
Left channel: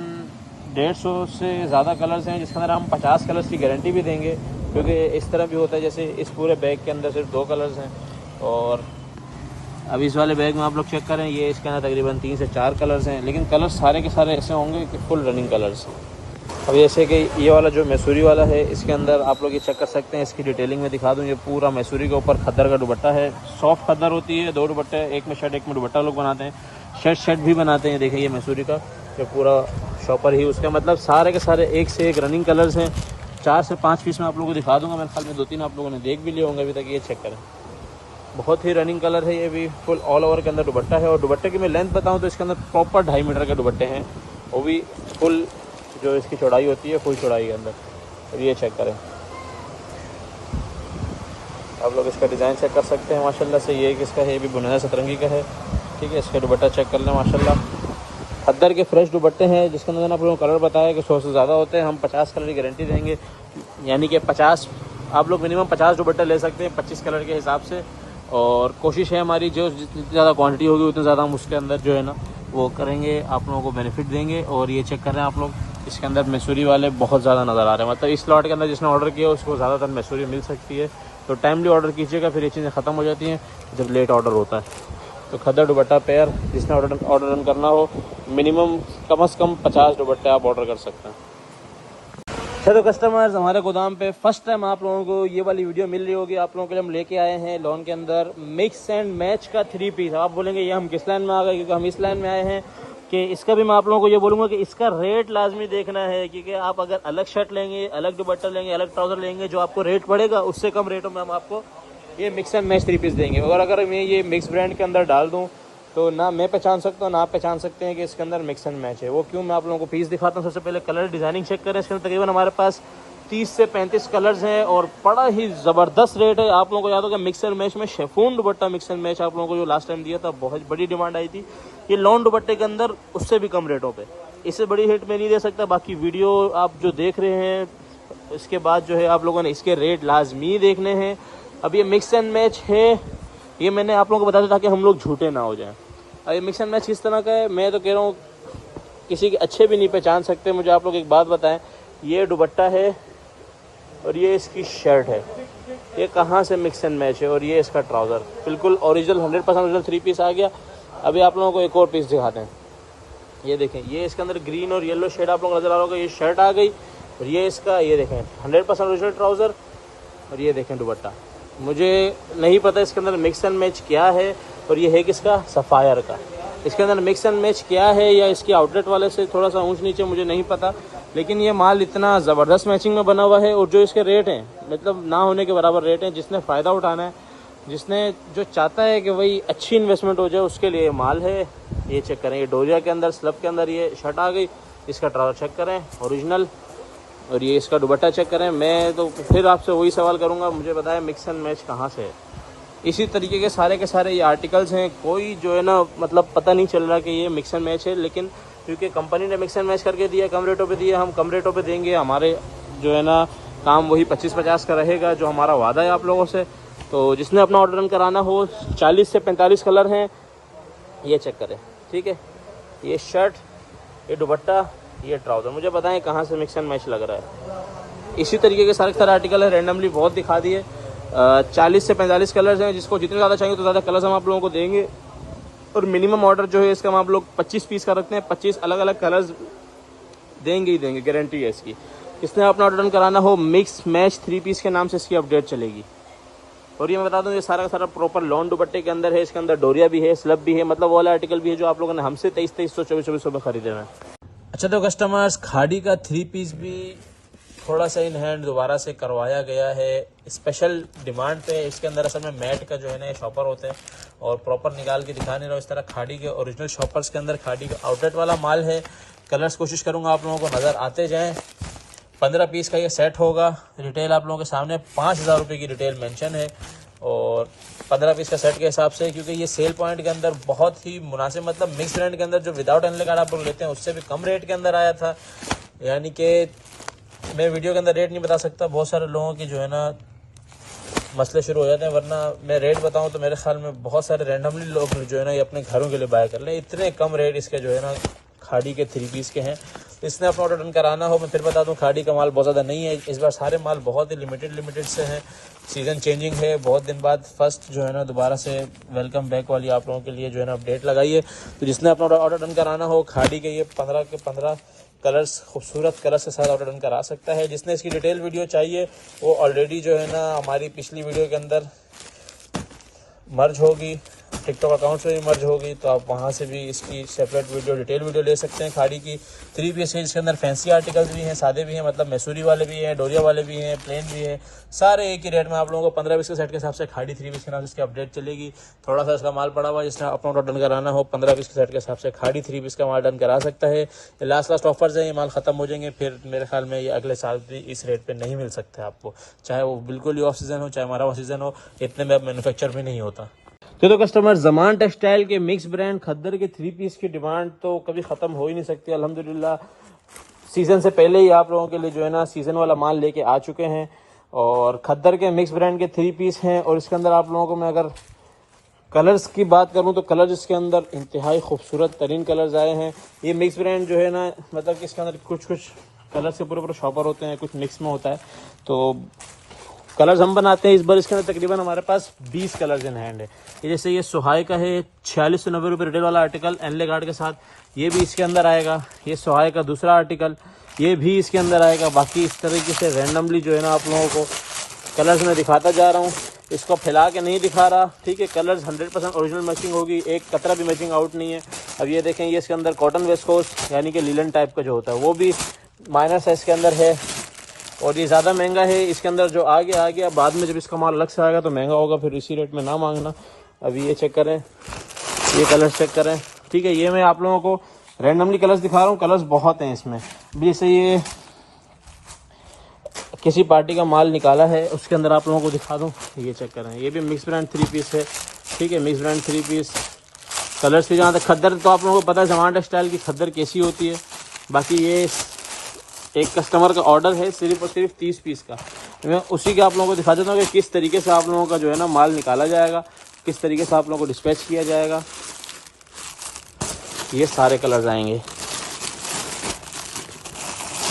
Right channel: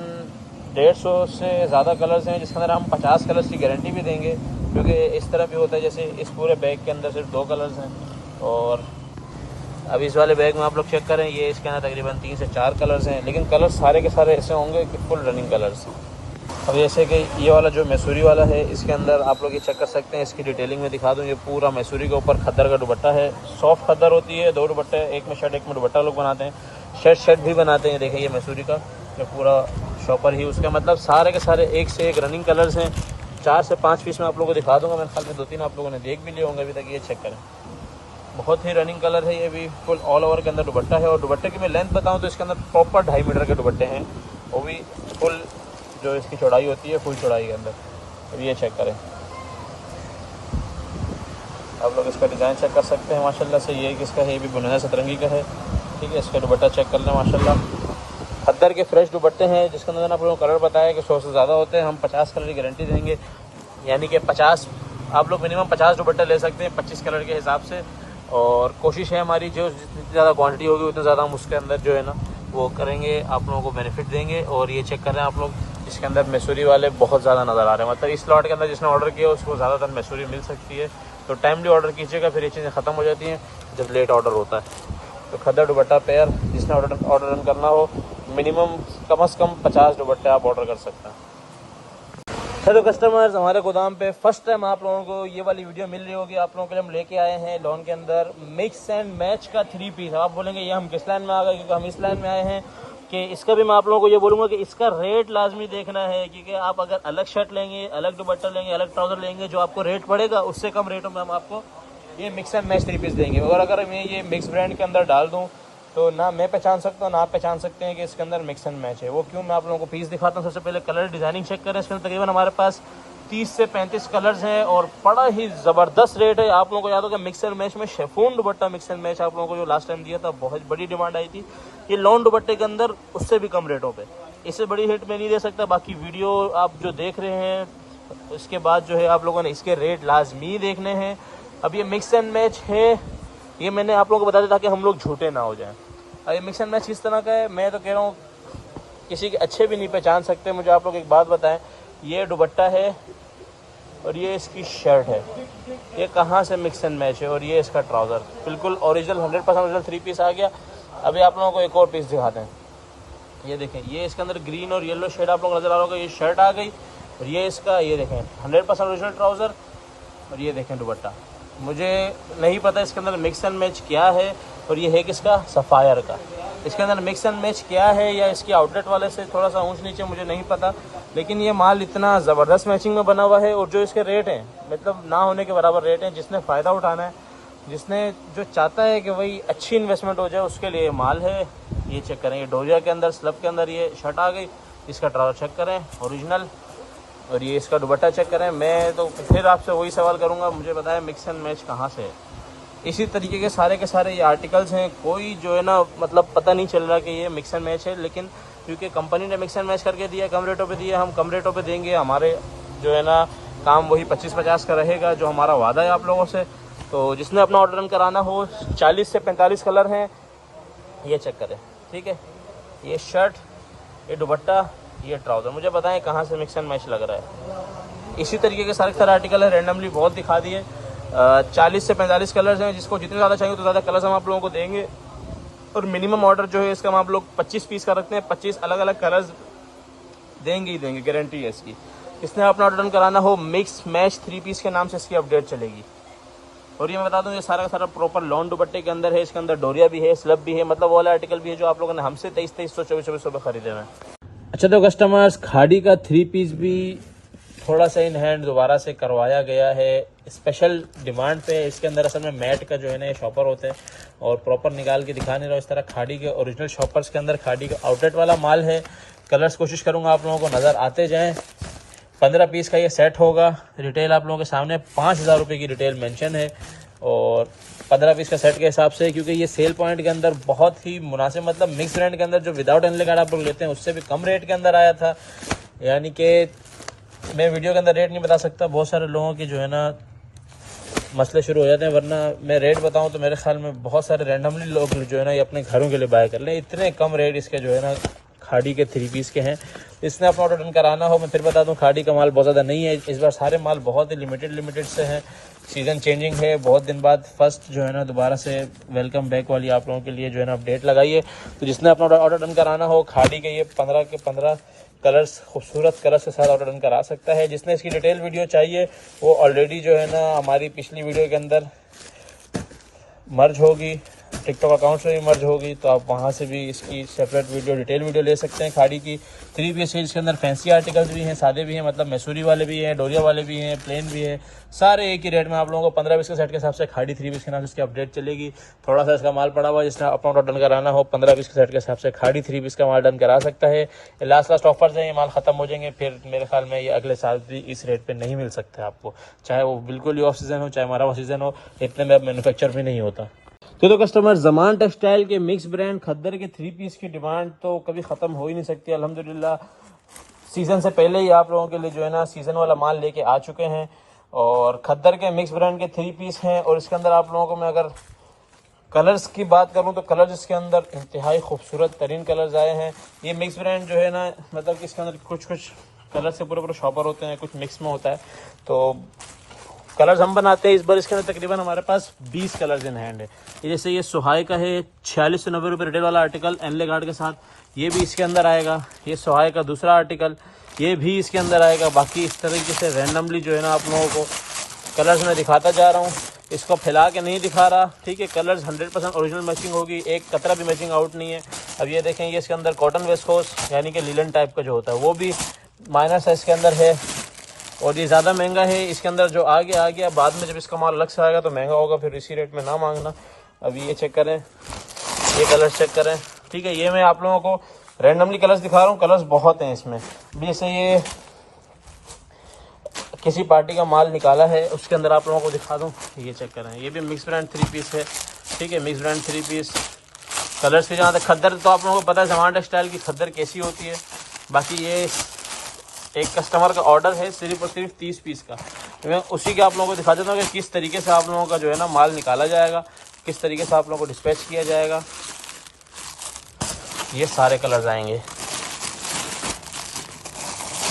150 से ज़्यादा कलर्स हैं, जिसके अंदर हम 50 कलर्स की गारंटी भी देंगे। क्योंकि इस तरह भी होता है जैसे इस पूरे बैग के अंदर सिर्फ 2 कलर्स हैं, और अभी इस वाले बैग में आप लोग चेक करें, ये इसके अंदर तकरीबन 3 से 4 कलर्स हैं, लेकिन कलर्स सारे के सारे ऐसे होंगे कि फुल रनिंग कलर्स। अब जैसे कि ये वाला जो मैसूरी वाला है, इसके अंदर आप लोग ये चेक कर सकते हैं। इसकी डिटेलिंग में दिखा दूँ, ये पूरा मैसूरी के ऊपर खद्दर का दुपट्टा है। सॉफ्ट खद्दर होती है, 2 दुपट्टे, एक में शर्ट एक में दुपट्टा लोग बनाते हैं। शर्ट भी बनाते हैं। देखिए ये मैसूरी का जो पूरा शॉपर ही, उसका मतलब सारे के सारे एक से एक रनिंग कलर्स हैं। 4 से 5 पीस में आप लोगों को दिखा दूँगा। मेरे ख्याल में 2-3 आप लोगों ने देख भी लिए होंगे अभी तक। ये चेक करें, बहुत ही रनिंग कलर है। ये भी फुल ऑल ओवर के अंदर दुपट्टा है। और दुपट्टे की मैं लेंथ बताऊँ तो इसके अंदर प्रॉपर 2.5 मीटर के दुपट्टे हैं, वो भी फुल जो इसकी चौड़ाई होती है फुल चौड़ाई के अंदर। और ये चेक करें, आप लोग इसका डिज़ाइन चेक कर सकते हैं माशाल्लाह से। ये किसका है, ये भी बुनिया सतरंगी का है। ठीक है, इसका दुपट्टा चेक कर लें माशाल्लाह। खद्दर के फ्रेश दुपट्टे हैं, जिसके अंदर आप लोगों को कलर बताया कि 100 से ज़्यादा होते हैं। हम 50 कलर की गारंटी देंगे, यानी कि 50 आप लोग मिनिमम 50 दुपट्टे ले सकते हैं 25 कलर के हिसाब से। और कोशिश है हमारी जो जितनी ज़्यादा क्वांटिटी होगी उतनी ज़्यादा हम उसके अंदर जो है ना वो करेंगे, आप लोगों को बेनिफिट देंगे। और ये चेक कर रहे हैं आप लोग, इसके अंदर मैसूरी वाले बहुत ज़्यादा नज़र आ रहे हैं। मतलब इस लॉट के अंदर जिसने ऑर्डर किया उसको ज़्यादातर मैसूरी मिल सकती है। तो टाइमली ऑर्डर कीजिएगा, फिर ये चीज़ें ख़त्म हो जाती हैं जब लेट ऑर्डर होता है। तो खद्दर दुपट्टा पेयर जिसने ऑर्डर करना हो, मिनिमम कम से कम 50 दुपट्टे आप ऑर्डर कर सकते हैं। चलो कस्टमर्स, हमारे गोदाम पे फर्स्ट टाइम आप लोगों को ये वाली वीडियो मिल रही होगी। आप लोगों के लिए हम लेके आए हैं लॉन के अंदर मिक्स एंड मैच का 3 पीस। आप बोलेंगे ये हम किस लाइन में आ गए, क्योंकि हम इस लाइन में आए हैं कि इसका भी मैं आप लोगों को ये बोलूँगा कि इसका रेट लाजमी देखना है। क्योंकि आप अगर अलग शर्ट लेंगे, अलग दुपट्टा लेंगे, अलग ट्राउज़र लेंगे, जो आपको रेट पड़ेगा उससे कम रेटों में हम आपको ये मिक्स एंड मैच 3 पीस देंगे। और अगर मैं ये मिक्स ब्रांड के अंदर डाल दूँ तो ना मैं पहचान सकता हूँ ना आप पहचान सकते हैं कि इसके अंदर मिक्स एंड मैच है। वो क्यों, मैं आप लोगों को पीस दिखाता हूँ। सबसे पहले कलर डिज़ाइनिंग चेक करें। इसके अंदर तकरीबन हमारे पास 30 से 35 कलर्स हैं और बड़ा ही ज़बरदस्त रेट है। आप लोगों को याद होगा मिक्स एंड मैच में chiffon dupatta mix and match आप लोगों को जो लास्ट टाइम दिया था, बहुत बड़ी डिमांड आई थी। ये लॉन दुपट्टे के अंदर उससे भी कम रेटों पे, इससे बड़ी रेट में नहीं दे सकता। बाकी वीडियो आप जो देख रहे हैं इसके बाद जो है आप लोगों ने इसके रेट लाजमी देखने हैं। अब ये मिक्स एंड मैच है, ये मैंने आप लोगों को बताया ताकि हम लोग झूठे ना हो जाएं। अब ये मिक्स एंड मैच किस तरह का है, मैं तो कह रहा हूँ किसी के अच्छे भी नहीं पहचान सकते। मुझे आप लोग एक बात बताएं, ये दुपट्टा है और ये इसकी शर्ट है, ये कहाँ से मिक्स एंड मैच है। और ये इसका ट्राउज़र बिल्कुल ओरिजिनल 100% ओरिजिनल 3 पीस आ गया। अभी आप लोगों को एक और पीस दिखाते हैं। ये देखें, ये इसके अंदर ग्रीन और येलो शेड आप लोग नजर आ रहा होगा, ये शर्ट आ गई। और ये इसका, ये देखें 100% ओरिजिनल ट्राउज़र और ये देखें दुपट्टा। मुझे नहीं पता इसके अंदर मिक्स एंड मैच क्या है। और ये है किसका, सफ़ायर का। इसके अंदर मिक्स एंड मैच क्या है या इसके आउटलेट वाले से थोड़ा सा ऊंच नीचे मुझे नहीं पता, लेकिन ये माल इतना ज़बरदस्त मैचिंग में बना हुआ है। और जो इसके रेट हैं मतलब ना होने के बराबर रेट हैं। जिसने फ़ायदा उठाना है, जिसने जो चाहता है कि भाई अच्छी इन्वेस्टमेंट हो जाए, उसके लिए माल है। ये चेक करें, ये डोरिया के अंदर स्लब के अंदर ये शर्ट आ गई, इसका ट्राउज़र चेक करें ओरिजिनल, और ये इसका दुपट्टा चेक करें। मैं तो फिर आपसे वही सवाल करूंगा, मुझे बताया मिक्स एंड मैच कहाँ से है। इसी तरीके के सारे ये आर्टिकल्स हैं। कोई जो है ना मतलब पता नहीं चल रहा कि ये मिक्स एंड मैच है, लेकिन क्योंकि कंपनी ने मिक्स एंड मैच करके दिया, कम रेटों पे दिया, हम कम रेटों पे देंगे। हमारे जो है ना काम वही 25-50 का रहेगा जो हमारा वादा है आप लोगों से। तो जिसने अपना ऑर्डर कराना हो, 40 से 45 कलर हैं, ये चेक करें, ठीक है। ये शर्ट, ये दुपट्टा, ये ट्राउज़र, मुझे बताएं कहाँ से मिक्स एंड मैच लग रहा है। इसी तरीके के सारे आर्टिकल है, रैंडमली बहुत दिखा दिए। 40 से 45 कलर्स हैं, जिसको जितने ज़्यादा चाहिए तो ज़्यादा कलर्स हम आप लोगों को देंगे। और मिनिमम ऑर्डर जो है इसका हम आप लोग 25 पीस का रखते हैं, 25 अलग अलग कलर्स देंगे ही देंगे, गारंटी है इसकी। इसने अपना ऑर्डर कराना हो, मिक्स मैच 3 पीस के नाम से इसकी अपडेट चलेगी। और ये मैं बता दूं, ये सारा प्रॉपर लॉन दुपट्टे के अंदर है। इसके अंदर डोरिया भी है, स्लब भी है, मतलब वो वाला आर्टिकल भी है जो आप लोगों ने हमसे 2300, 2400 में खरीदे हैं। अच्छा, तो कस्टमर्स, खाड़ी का 3 पीस भी थोड़ा सा इन हैंड दोबारा से करवाया गया है स्पेशल डिमांड पे। इसके अंदर असल में मैट का जो है ना ये शॉपर होते हैं और प्रॉपर निकाल के दिखा नहीं रहा। इस तरह खाड़ी के ओरिजिनल शॉपर्स के अंदर खाड़ी का आउटलेट वाला माल है। कलर्स कोशिश करूँगा आप लोगों को नज़र आते जाएँ। 15 पीस का ये सेट होगा। रिटेल आप लोगों के सामने 5000 रुपये की रिटेल मेंशन है और 15 पीस का सेट के हिसाब से, क्योंकि ये सेल पॉइंट के अंदर बहुत ही मुनासिब, मतलब मिक्स ब्रांड के अंदर जो विदाउट एनले कार्ड आप लोग लेते हैं उससे भी कम रेट के अंदर आया था। यानी कि मैं वीडियो के अंदर रेट नहीं बता सकता, बहुत सारे लोगों की जो है ना मसले शुरू हो जाते हैं, वरना मैं रेट बताऊं तो मेरे ख्याल में बहुत सारे रैंडमली लोग जो है ना ये अपने घरों के लिए बाय कर लें। इतने कम रेट इसके जो है ना खाड़ी के 3 पीस के हैं। इसने अपना ऑर्डर डन कराना हो, मैं फिर बता दूं खाड़ी का माल बहुत ज़्यादा नहीं है इस बार, सारे माल बहुत ही लिमिटेड से हैं। सीज़न चेंजिंग है, बहुत दिन बाद फर्स्ट जो है ना दोबारा से वेलकम बैक वाली आप लोगों के लिए जो है ना अपडेट लगाई है। तो जिसने अपना ऑर्डर डन कराना हो, खाड़ी के ये 15 के 15 कलर्स, खूबसूरत कलर्स के साथ ऑर्डर डन करा सकता है। जिसने इसकी डिटेल वीडियो चाहिए वो ऑलरेडी जो है ना हमारी पिछली वीडियो के अंदर मर्ज होगी, टिकटॉक अकाउंट से भी मर्ज होगी, तो आप वहाँ से भी इसकी सेपरेट वीडियो, डिटेल वीडियो ले सकते हैं। खाड़ी की 3 पीस इसके अंदर फैंसी आर्टिकल्स भी हैं, सादे भी हैं, मतलब मैसूरी वाले भी हैं, डोरिया वाले भी हैं, प्लेन भी हैं, सारे एक ही रेट में आप लोगों को 15 पीस के सेट के हिसाब से खाड़ी 3 पीस के नाम से इसकी अपडेट चलेगी। थोड़ा सा इसका माल पड़ा हुआ, जिसने अपना ऑर्डर डन कराना हो 15 पीस के सेट के हिसाब से खाड़ी 3 पीस का माल डन करा सकता है। ये लास्ट ऑफर्स हैं, ये माल ख़त्म हो जाएंगे, फिर मेरे ख्याल में ये अगले साल भी इस रेट पर नहीं मिल सकते आपको, चाहे वो बिल्कुल ही ऑफ सीज़न हो, चाहे हमारा सीज़न हो, इतने में अब मैन्युफैक्चर भी नहीं होता। तो कस्टमर, ज़मान टेक्सटाइल के मिक्स ब्रांड खद्दर के 3 पीस की डिमांड तो कभी ख़त्म हो ही नहीं सकती। अल्हम्दुलिल्लाह सीज़न से पहले ही आप लोगों के लिए जो है ना सीज़न वाला माल लेके आ चुके हैं। और खद्दर के मिक्स ब्रांड के 3 पीस हैं और इसके अंदर आप लोगों को मैं अगर कलर्स की बात करूं तो कलर्स इसके अंदर इंतहाई खूबसूरत तरीन कलर्स आए हैं। ये मिक्स ब्रांड जो है ना, मतलब कि इसके अंदर कुछ कलर से पूरे शॉपर होते हैं, कुछ मिक्स में होता है। तो कलर्स हम बनाते हैं इस बार। इसके अंदर तकरीबन हमारे पास 20 कलर्स इन हैंड है। जैसे ये सुहाई का है, 46 से 90 रुपये रिटेल वाला आर्टिकल एनले गार्ड के साथ, ये भी इसके अंदर आएगा। ये सुहाई का दूसरा आर्टिकल, ये भी इसके अंदर आएगा। बाकी इस तरीके से रैंडमली जो है ना आप लोगों को कलर्स में दिखाता जा रहा हूँ, इसको फैला के नहीं दिखा रहा, ठीक है। कलर्स 100% ओरिजिनल मैचिंग होगी, एक कतरा भी मैचिंग आउट नहीं है। अब ये देखें, ये इसके अंदर कॉटन वेस्कोस यानी कि लीलन टाइप का जो होता है वो भी माइनर साइज के अंदर है और ये ज़्यादा महंगा है। इसके अंदर जो आ गया बाद में जब इसका माल लग से आएगा तो महंगा होगा, फिर इसी रेट में ना मांगना। अभी ये चेक करें, ये कलर चेक करें, ठीक है। ये मैं आप लोगों को रैंडमली कलर्स दिखा रहा हूँ, कलर्स बहुत हैं इसमें। जैसे ये किसी पार्टी का माल निकाला है, उसके अंदर आप लोगों को दिखा दूँ, ये चेक करें। ये भी मिक्स ब्रांड 3 पीस है, ठीक है, मिक्स ब्रांड 3 पीस। कलर्स की जहाँ तक खद्दर, तो आप लोगों को पता है जमाना टेक्सटाइल की खद्दर कैसी होती है। बाकी ये एक कस्टमर का ऑर्डर है सिर्फ और सिर्फ 30 पीस का। मैं उसी के आप लोगों को दिखा देता हूँ कि किस तरीके से आप लोगों का जो है ना माल निकाला जाएगा, किस तरीके से आप लोगों को डिस्पैच किया जाएगा। ये सारे कलर्स आएंगे।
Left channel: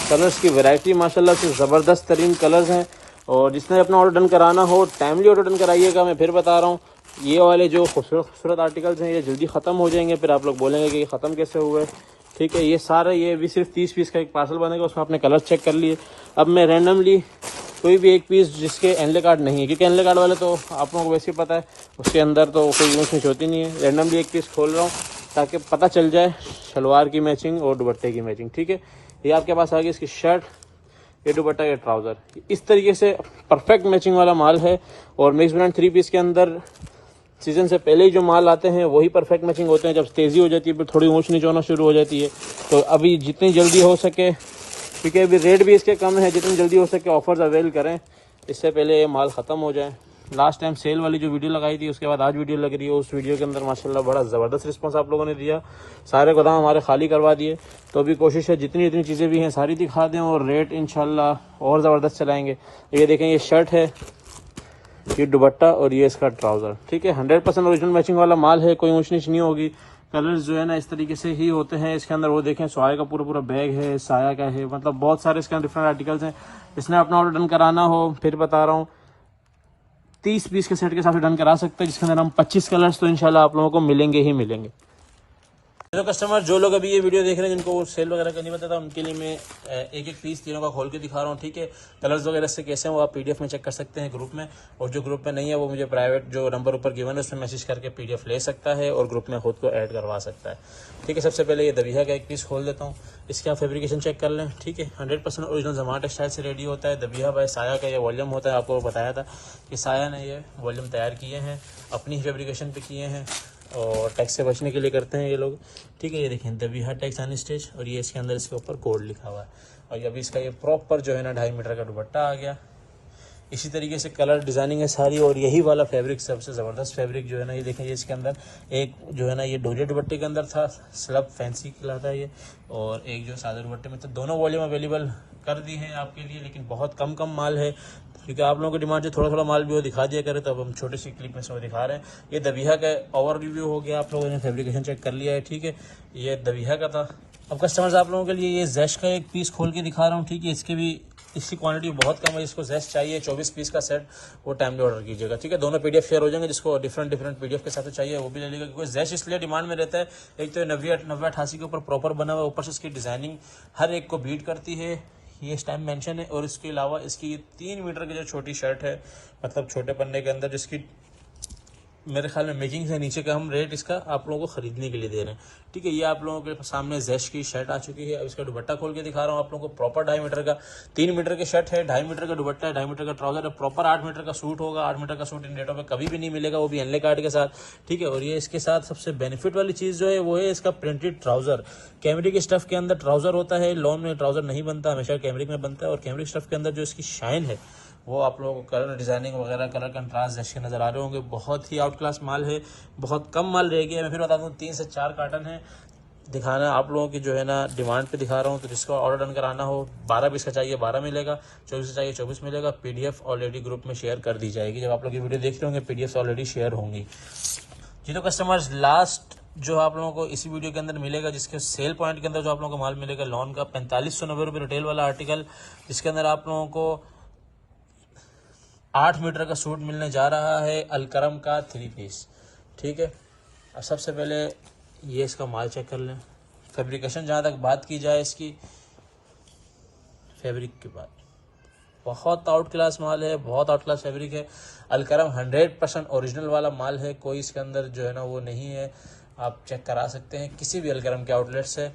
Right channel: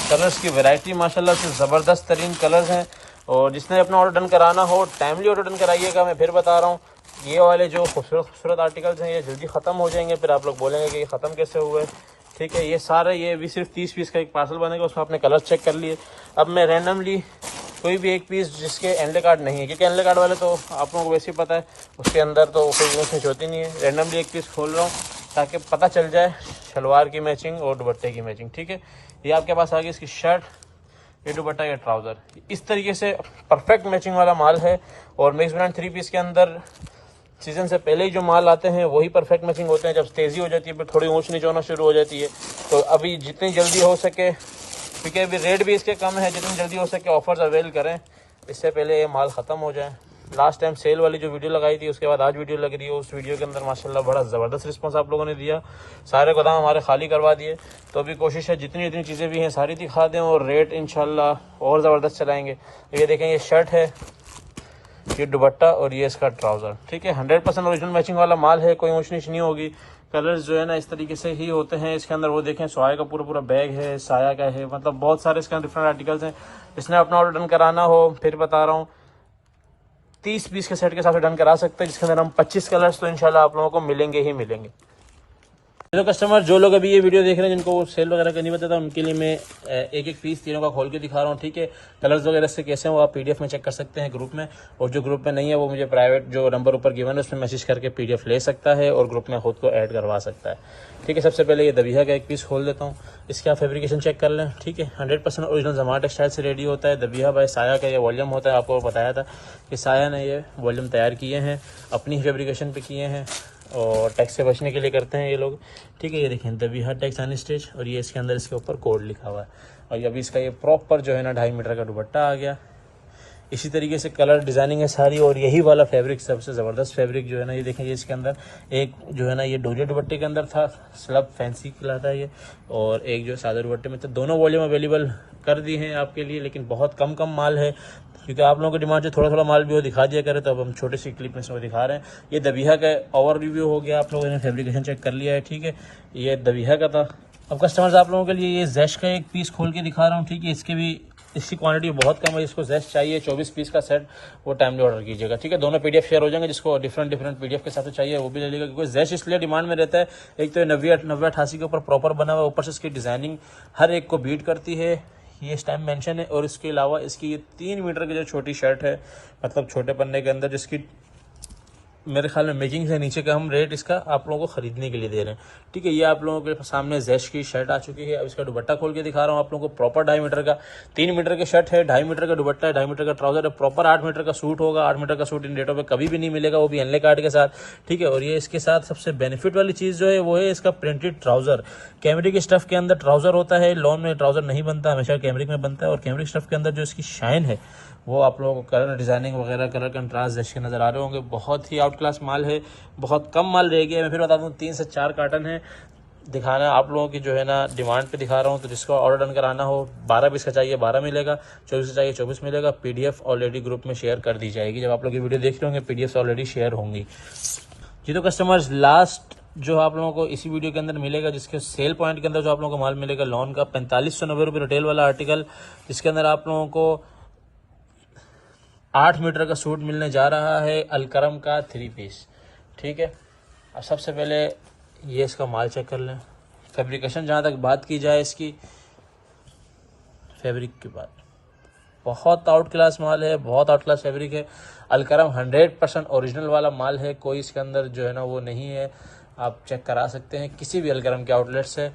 कलर्स की वैरायटी माशाल्लाह से ज़बरदस्त तरीन कलर्स हैं। और जिसने अपना ऑर्डर डन कराना हो टाइमली ऑर्डर डन कराइएगा। मैं फिर बता रहा हूँ, ये वाले जो खूबसूरत आर्टिकल्स हैं ये जल्दी ख़त्म हो जाएंगे, फिर आप लोग बोलेंगे कि ये ख़त्म कैसे हुए, ठीक है। ये सारा ये भी सिर्फ 30 पीस का एक पार्सल बनेगा, उसमें आपने कलर चेक कर लिए। अब मैं रैंडमली कोई भी एक पीस जिसके एनले कार्ड नहीं है, क्योंकि एनले कार्ड वाले तो आप लोगों को वैसे ही पता है उसके अंदर तो कोई मैचिंग होती नहीं है। रैंडमली एक पीस खोल रहा है ताकि पता चल जाए शलवार की मैचिंग और दुपट्टे की मैचिंग, ठीक है। ये आपके पास आ गई इसकी शर्ट, ये दुपट्टा, ये ट्राउज़र, इस तरीके से परफेक्ट मैचिंग वाला माल है। और मिक्स ब्रांड 3 पीस के अंदर सीज़न से पहले ही जो माल आते हैं वही परफेक्ट मैचिंग होते हैं। जब तेज़ी हो जाती है फिर थोड़ी ऊँच नीच होना शुरू हो जाती है। तो अभी जितनी जल्दी हो सके, क्योंकि अभी रेट भी इसके कम है, जितनी जल्दी हो सके ऑफर्स अवेल करें, इससे पहले ये माल ख़त्म हो जाए। लास्ट टाइम सेल वाली जो वीडियो लगाई थी उसके बाद आज वीडियो लग रही है, उस वीडियो के अंदर माशाल्लाह बड़ा ज़बरदस्त रिस्पांस आप लोगों ने दिया, सारे गोदाम हमारे खाली करवा दिए। तो अभी कोशिश है जितनी जितनी चीज़ें भी हैं सारी दिखा दें और रेट इंशाल्लाह और ज़बरदस्त चलाएँगे। ये देखें, ये शर्ट है, ये दुपट्टा और ये इसका ट्राउज़र, ठीक है। 100% ओरिजिनल मैचिंग वाला माल है, कोई ऊँच नीच नहीं होगी। कलर्स जो है ना इस तरीके से ही होते हैं इसके अंदर। वो देखें, सोया का पूरा बैग है, साया का है, मतलब बहुत सारे इसके डिफरेंट आर्टिकल्स हैं। इसने अपना ऑर्डर डन कराना हो, फिर बता रहा हूँ 30 पीस के सेट के साथ डन करा सकते हैं, जिसके अंदर हम 25 कलर्स तो इंशाल्लाह आप लोगों को मिलेंगे ही मिलेंगे। हेलो कस्टमर, जो लोग अभी ये वीडियो देख रहे हैं जिनको सेल वगैरह का नहीं पता था, उनके लिए मैं एक एक पीस तीनों का खोल के दिखा रहा हूँ, ठीक है। कलर्स वगैरह से कैसे हैं वो आप पीडीएफ में चेक कर सकते हैं ग्रुप में। और जो ग्रुप में नहीं है वो मुझे प्राइवेट जो नंबर ऊपर गिवन है उसमें मैसेज करके पीडीएफ ले सकता है और ग्रुप में खुद को ऐड करवा सकता है, ठीक है। सबसे पहले ये दबिया का एक पीस खोल देता हूँ, इसके आप फैब्रिकेशन चेक कर लें, ठीक है। 100% ओरिजिनल जमाना टेक्सटाइल से रेडी होता है। दबिया बाय साया का ये वॉल्यूम होता है, आपको बताया था कि साया ने ये वॉल्यूम तैयार किए हैं, अपनी फैब्रिकेशन पे किए हैं और टैक्स से बचने के लिए करते हैं ये लोग, ठीक है। ये देखें, दबिया टैक्स ऑन स्टेज, और ये इसके अंदर इसके ऊपर कोड लिखा हुआ है। और अभी इसका ये प्रॉपर जो है ना 2.5 मीटर का दुपट्टा आ गया। इसी तरीके से कलर डिज़ाइनिंग है सारी। और यही वाला फैब्रिक सबसे ज़बरदस्त फैब्रिक जो है ना, ये देखें, ये इसके अंदर एक जो है ना ये डोरिया दुपट्टे के अंदर था, स्लब फैंसी कहलाता है ये, और एक जो सादा दुपट्टे में। तो दोनों वॉल्यूम अवेलेबल कर दी हैं आपके लिए, लेकिन बहुत कम माल है क्योंकि आप लोगों की डिमांड से थोड़ा माल भी वो दिखा दिया करे, तो अब हम छोटी सी क्लिप में से वो दिखा रहे हैं। ये दबिया का ओवर रिव्यू हो गया, आप लोगों ने फैब्रिकेशन चेक कर लिया है, ठीक है। ये दबिया का था। अब कस्टमर्स आप लोगों के लिए ये जैश का एक पीस खोल के दिखा रहा हूँ, ठीक है। इसकी क्वांटिटी बहुत कम है, जिसको जैश चाहिए 24 पीस का सेट वो टाइमली ऑर्डर कीजिएगा, ठीक है। दोनों पीडीएफ शेयर हो जाएंगे, जिसको डिफरेंट पीडीएफ के साथ चाहिए वो भी ले लेगा, क्योंकि जैश इसलिए डिमांड में रहता है, एक तो 90-88 के ऊपर प्रॉपर बना हुआ, ऊपर से इसकी डिज़ाइनिंग हर एक को बीट करती है, ये इस टाइम मेंशन है। और इसके अलावा इसकी ये 3 मीटर की जो छोटी शर्ट है, मतलब छोटे पन्ने के अंदर, जिसकी मेरे ख्याल में मेकिंग से नीचे का हम रेट इसका आप लोगों को खरीदने के लिए दे रहे हैं, ठीक है। ये आप लोगों के सामने जैश की शर्ट आ चुकी है। अब इसका दुपट्टा खोल के दिखा रहा हूँ आप लोगों को। प्रॉपर 2.5 मीटर का, 3 मीटर की शर्ट है, 2.5 मीटर का दुपट्टा है, 2.5 मीटर का ट्राउजर है, प्रॉपर 8 मीटर का सूट होगा। 8 मीटर का सूट इन डेटों पे कभी भी नहीं मिलेगा, वो भी एनले कार्ड के साथ, ठीक है। और ये इसके साथ सबसे बेनिफिट वाली चीज़ जो है वो है इसका प्रिंटेड ट्राउजर। कैमरिक स्टफ के अंदर ट्राउजर होता है, लॉन में ट्राउजर नहीं बनता, हमेशा कैमरिक में बनता है। और कैमरिक स्टफ के अंदर जो इसकी शाइन है वो आप लोगों को कलर डिज़ाइनिंग वगैरह, कलर कंट्रास्ट जैसे नज़र आ रहे होंगे। बहुत ही आउट क्लास माल है, बहुत कम माल रह गया है। मैं फिर बता दूँ 3 से 4 कार्टन है दिखाना आप लोगों की जो है ना डिमांड पे दिखा रहा हूँ। तो जिसको ऑर्डर डन कराना हो, 12 पीस का चाहिए 12 मिलेगा, 24 चाहिए 24 मिलेगा। पीडीएफ ऑलरेडी ग्रुप में शेयर कर दी जाएगी, जब आप लोग ये वीडियो देख रहे होंगे पीडीएफ ऑलरेडी शेयर होंगी जी। तो कस्टमर्स, लास्ट जो आप लोगों को इसी वीडियो के अंदर मिलेगा, जिसके सेल पॉइंट के अंदर जो आप लोगों को माल मिलेगा लॉन का 4590 रुपये रिटेल वाला आर्टिकल, जिसके अंदर आप लोगों को 8 मीटर का सूट मिलने जा रहा है, अलकरम का 3 पीस, ठीक है। अब सबसे पहले ये इसका माल चेक कर लें। फैब्रिकेशन जहाँ तक बात की जाए इसकी, फैब्रिक की बात, बहुत आउट क्लास माल है, बहुत आउट क्लास फैब्रिक है। अलकरम 100% ओरिजिनल वाला माल है, कोई इसके अंदर जो है ना वो नहीं है। आप चेक करा सकते हैं किसी भी अलकरम के आउटलेट से,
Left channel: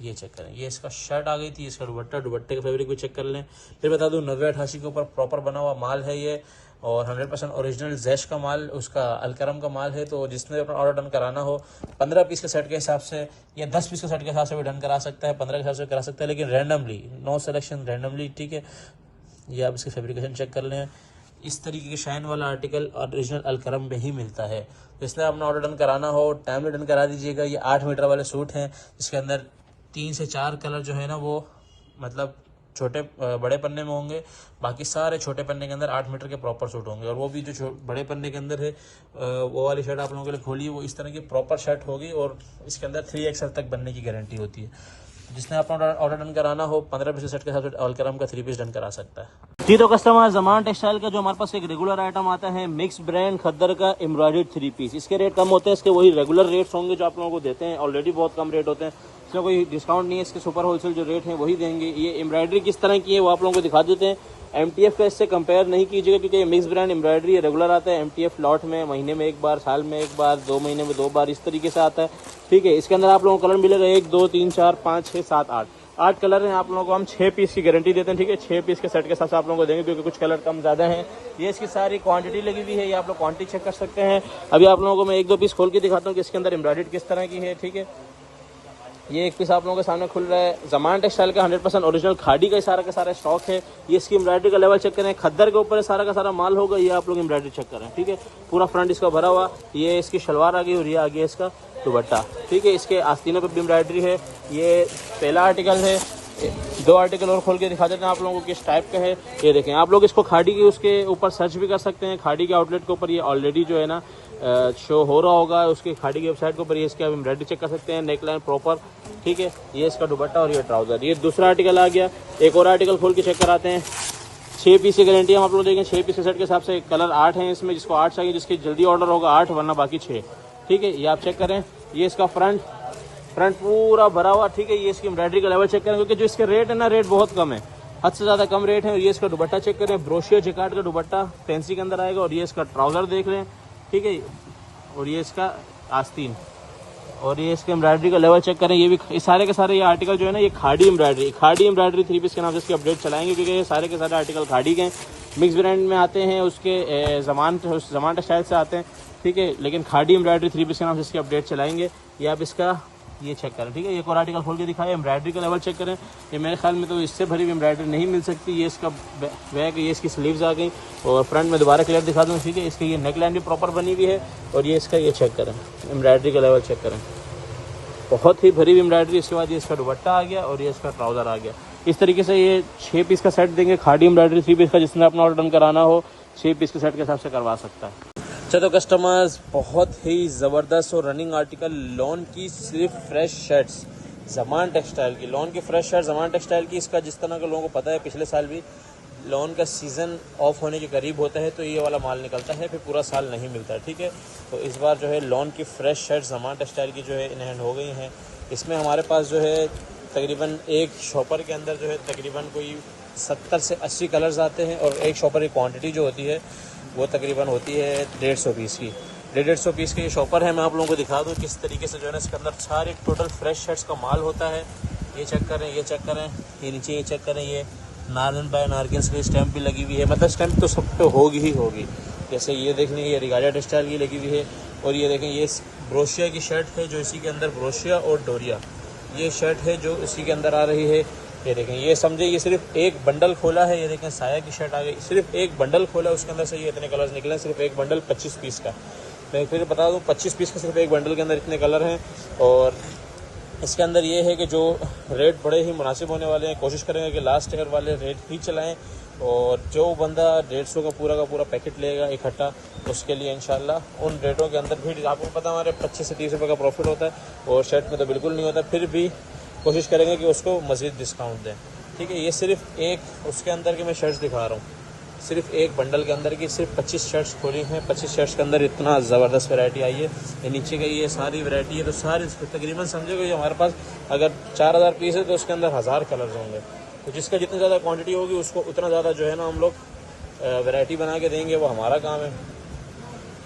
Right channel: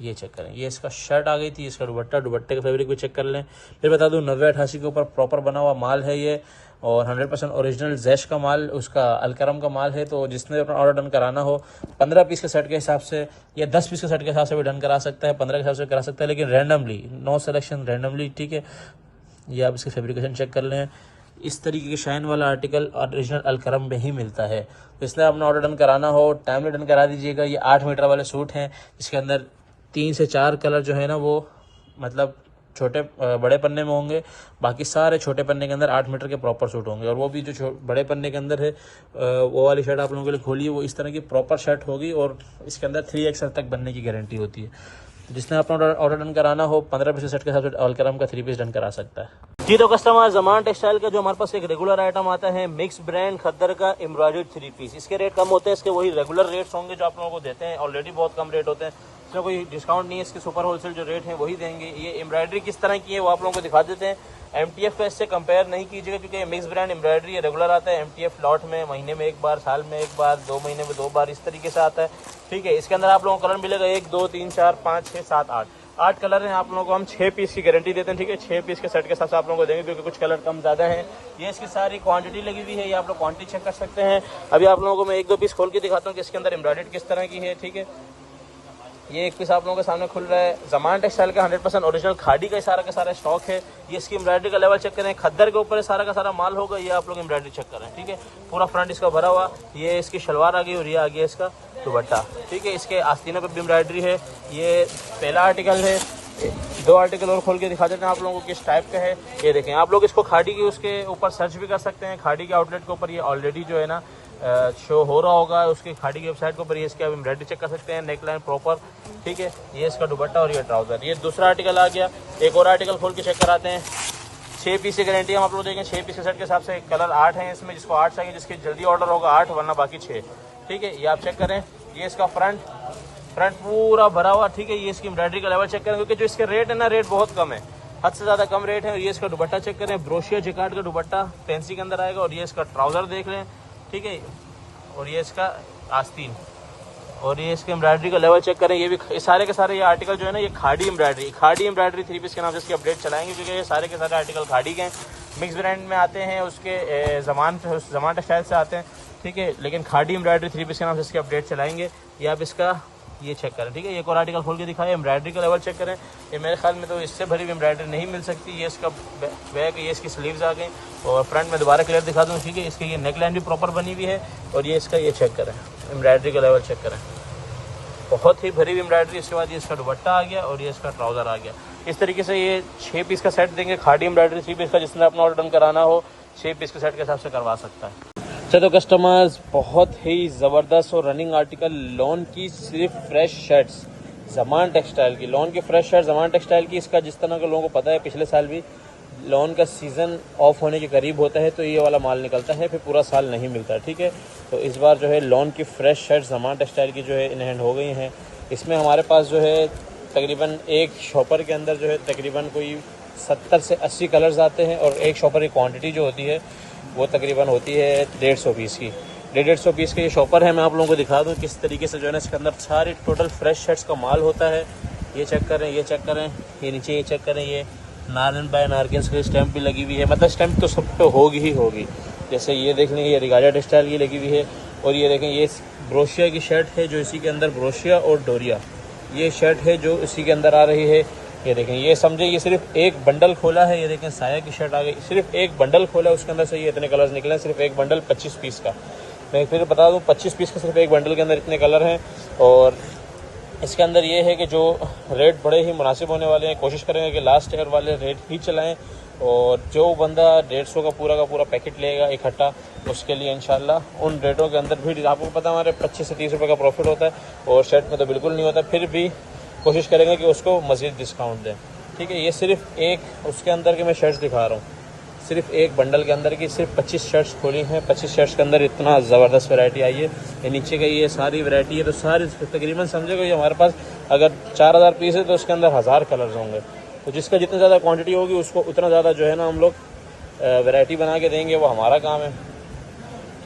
ये चेक करें। ये इसका शर्ट आ गई थी, इसका दुपट्टे का फैब्रिक भी चेक कर लें। फिर बता दूं 90-88 के ऊपर प्रॉपर बना हुआ माल है ये। और 100% ओरिजिनल जैश का माल, उसका अलकरम का माल है। तो जिसने अपना ऑर्डर डन कराना हो 15 पीस के सेट के हिसाब से या 10 पीस के सेट के हिसाब से भी डन करा सकता है, 15 के हिसाब से करा सकता है, लेकिन रैंडमली, नो सिलेक्शन, रैंडमली, ठीक है। ये आप इसकी फैब्रिकेशन चेक कर लें। इस तरीके के शाइन वाला आर्टिकल ओरिजिनल अलकरम में ही मिलता है। तो इसलिए आपने ऑर्डर डन कराना हो टाइमली डन करा दीजिएगा। ये 8 मीटर वाले सूट हैं, इसके अंदर 3 से 4 कलर जो है ना वो मतलब छोटे बड़े पन्ने में होंगे, बाकी सारे छोटे पन्ने के अंदर 8 मीटर के प्रॉपर सूट होंगे। और वो भी जो बड़े पन्ने के अंदर है वो वाली शर्ट आप लोगों के लिए खोली है, वो इस तरह की प्रॉपर शर्ट होगी और इसके अंदर 3XL तक बनने की गारंटी होती है। जिसने अपना ऑर्डर डन कराना हो 15 पीस सेट के साथ अलकरम का 3 पीस डन करा सकता है। जी तो कस्टमर, ज़मान टेक्सटाइल का जो हमारे पास एक रेगुलर आइटम आता है मिक्स ब्रांड खद्दर का एम्ब्रॉयडर्ड 3 पीस, इसके रेट कम होते हैं, इसके वही रेगुलर रेट्स होंगे जो आप लोगों को देते हैं, ऑलरेडी बहुत कम रेट होते हैं, इसका कोई डिस्काउंट नहीं है, इसके सुपर होलसेल जो रेट है वही देंगे। ये एम्ब्रॉयडरी किस तरह की है वो आप लोगों को दिखा देते हैं। MTF का इससे कंपेयर नहीं कीजिएगा क्योंकि ये मिक्स ब्रांड एम्ब्रॉयडरी रेगुलर आता है। MTF लॉट में महीने में एक बार, साल में एक बार, 2 महीने में 2 बार, इस तरीके से आता है, ठीक है। इसके अंदर आप लोगों को कलर मिलेगा 1 2 3 4 5 6 7 8 कलर हैं। आप लोगों को हम 6 पीस की गारंटी देते हैं, ठीक है। 6 पीस के सेट के साथ आप लोगों को देंगे क्योंकि कुछ कलर कम ज़्यादा हैं। ये इसकी सारी क्वांटिटी लगी हुई है, ये आप लोग क्वांटिटी चेक कर सकते हैं। अभी आप लोगों को मैं 1 2 पीस खोल के दिखाता हूँ कि इसके अंदर एम्ब्रॉयडरी किस तरह की है, ठीक है। ये एक पीस आप लोगों के सामने खुल रहा है। ज़मान टेक्सटाइल का 100% ओरिजिनल खादी का सारा स्टॉक है। ये इसकी एम्ब्रॉयडरी का लेवल चेक करें, खद्दर के ऊपर सारा का सारा माल होगा, ये आप लोग एम्ब्रॉयडरी चेक करें, ठीक है। पूरा फ्रंट इसका भरा हुआ, ये इसकी शलवार आ गई और ये आ गया इसका दुपट्टा, ठीक है। इसके आस्तीनों पर एम्ब्रॉयडरी है। ये पहला आर्टिकल है। 2 आर्टिकल और खोल के दिखा देते हैं आप लोगों को किस टाइप का है। ये देखें, आप लोग इसको खाड़ी के उसके ऊपर सर्च भी कर सकते हैं। खाड़ी के आउटलेट के ऊपर ये ऑलरेडी जो है ना शो हो रहा होगा, उसकी खाड़ी की वेबसाइट के ऊपर ये इसका एम्ब्रॉयडरी चेक कर सकते हैं। नेक लाइन प्रॉपर, ठीक है। ये इसका दुपट्टा और ये ट्राउजर। ये दूसरा आर्टिकल आ गया। एक और आर्टिकल खोल के चेक कराते हैं। 6 पीस की गारंटी हम आप लोग देखें। 6 पीस के सेट के हिसाब से कलर 8 हैं इसमें, जिसको 8 चाहिए, जिसकी जल्दी ऑर्डर होगा 8, वरना बाकी 6, ठीक है। ये आप चेक करें। ये इसका फ्रंट पूरा भरा हुआ, ठीक है। ये इसकी एम्ब्रॉयडरी का लेवल चेक करें क्योंकि जो इसके रेट है ना, रेट बहुत कम है, हद से ज़्यादा कम रेट है। और ये इसका दुपट्टा चेक करें, ब्रोशिया जिकार्ड का दुपट्टा फैंसी के अंदर आएगा। और ये इसका ट्राउजर देख लें, ठीक है। और ये इसका आस्तीन और ये इसके एम्ब्रॉयडरी का लेवल चेक करें। ये भी सारे के सारे ये आर्टिकल जो है ना, ये खाड़ी एम्ब्रॉयडरी 3 पीस के नाम से इसके अपडेट चलाएंगे क्योंकि ये सारे के सारे आर्टिकल खाड़ी के मिक्स ब्रांड में आते हैं, उसके ज़मान टेक्सटाइल से आते हैं, ठीक है। लेकिन खाड़ी एम्ब्रॉयडरी 3 पीस के नाम से इसके अपडेट चलाएंगे। ये आप इसका ये चेक करें, ठीक है। एक और आर्टिकल खोल के दिखाएं, एम्ब्रॉयडरी का लेवल चेक करें। ये मेरे ख्याल में तो इससे भरी एम्ब्रॉयडरी नहीं मिल सकती। ये इसका बैक, ये इसकी स्लीव्स आ गई और फ्रंट में दोबारा क्लियर दिखा दूँ, ठीक है। इसकी ये नेक लाइन भी प्रॉपर बनी हुई है। और ये इसका ये चेक करें, एम्ब्रॉयडरी का लेवल चेक करें, बहुत ही भरी एम्ब्रॉयडरी। इसके बाद ये इसका दुपट्टा आ गया और ये इसका ट्राउजर आ गया। इस तरीके से ये 6 पीस का सेट देंगे खाड़ी एम्ब्रॉयडरी 3 पीस का। जिसमें अपना ऑर्डर डन कराना हो 6 पीस के सेट के हिसाब से करवा सकता है। चलो कस्टमर्स, बहुत ही ज़बरदस्त और रनिंग आर्टिकल लॉन की सिर्फ फ्रेश शर्ट्स, ज़मान टेक्सटाइल की लॉन की फ्रेश शर्ट ज़मान टेक्सटाइल की। इसका जिस तरह के लोगों को पता है पिछले साल भी लॉन का सीज़न ऑफ होने के करीब होता है तो ये वाला माल निकलता है, फिर पूरा साल नहीं मिलता, ठीक है। तो इस बार जो है लॉन की फ्रेश शर्ट ज़मान टेक्सटाइल की जो है इन हैंड हो गई हैं। इसमें हमारे पास जो है तकरीबन एक शॉपर के अंदर जो है तकरीबन कोई 70 से 80 कलर्स आते हैं। और एक शॉपर की क्वांटिटी जो होती है वो तकरीबन होती है 150 पीस की। 150 पीस के ये शॉपर है। मैं आप लोगों को दिखा दूँ किस तरीके से जो है ना इसके अंदर सारे टोटल फ्रेश शर्ट्स का माल होता है। ये चेक करें, ये चेक करें, ये नीचे ये चेक करें। ये नारन बाय नारगिल्स की स्टैंप भी लगी हुई है, मतलब स्टैंप तो सब पे होगी ही होगी। जैसे ये देख लें, ये रिगाजा टेक्सटाइल की लगी हुई है। और ये देखें, ये ब्रोशिया की शर्ट है जो इसी के अंदर ब्रोशिया और डोरिया ये शर्ट है जो इसी के अंदर आ रही है। ये देखें, ये समझे ये सिर्फ एक बंडल खोला है। ये देखें साया की शर्ट आ गई, सिर्फ एक बंडल खोला है, उसके अंदर से ये इतने कलर्स निकले हैं। सिर्फ एक बंडल 25 पीस का। मैं फिर बता दूं 25 पीस का सिर्फ एक बंडल के अंदर इतने कलर हैं। और इसके अंदर ये है कि जो रेट बड़े ही मुनासिब होने वाले हैं। कोशिश करेंगे कि लास्ट ईयर वाले रेट ही चलाएं। और जो बंदा 150 का पूरा पैकेट लेगा इकट्ठा, उसके लिए इंशाल्लाह उन रेटों के अंदर भी आपको पता हमारे 25 से 30 रुपये का प्रॉफिट होता है और शर्ट में तो बिल्कुल नहीं होता। फिर भी कोशिश करेंगे कि उसको मज़ीद डिस्काउंट दें, ठीक है। ये सिर्फ एक उसके अंदर के मैं शर्ट्स दिखा रहा हूँ, सिर्फ एक बंडल के अंदर की सिर्फ 25 शर्ट्स खोली हैं। 25 शर्ट्स के अंदर इतना ज़बरदस्त वैरायटी आई है। ये नीचे का ये सारी वैरायटी है। तो सारी तकरीबन समझो कि हमारे पास अगर 4000 पीस है तो उसके अंदर 1000 कलर्स होंगे। तो जिसका जितनी ज़्यादा क्वांटिटी होगी उसको उतना ज़्यादा जो है ना हम लोग वैरायटी बना के देंगे, वो हमारा काम है,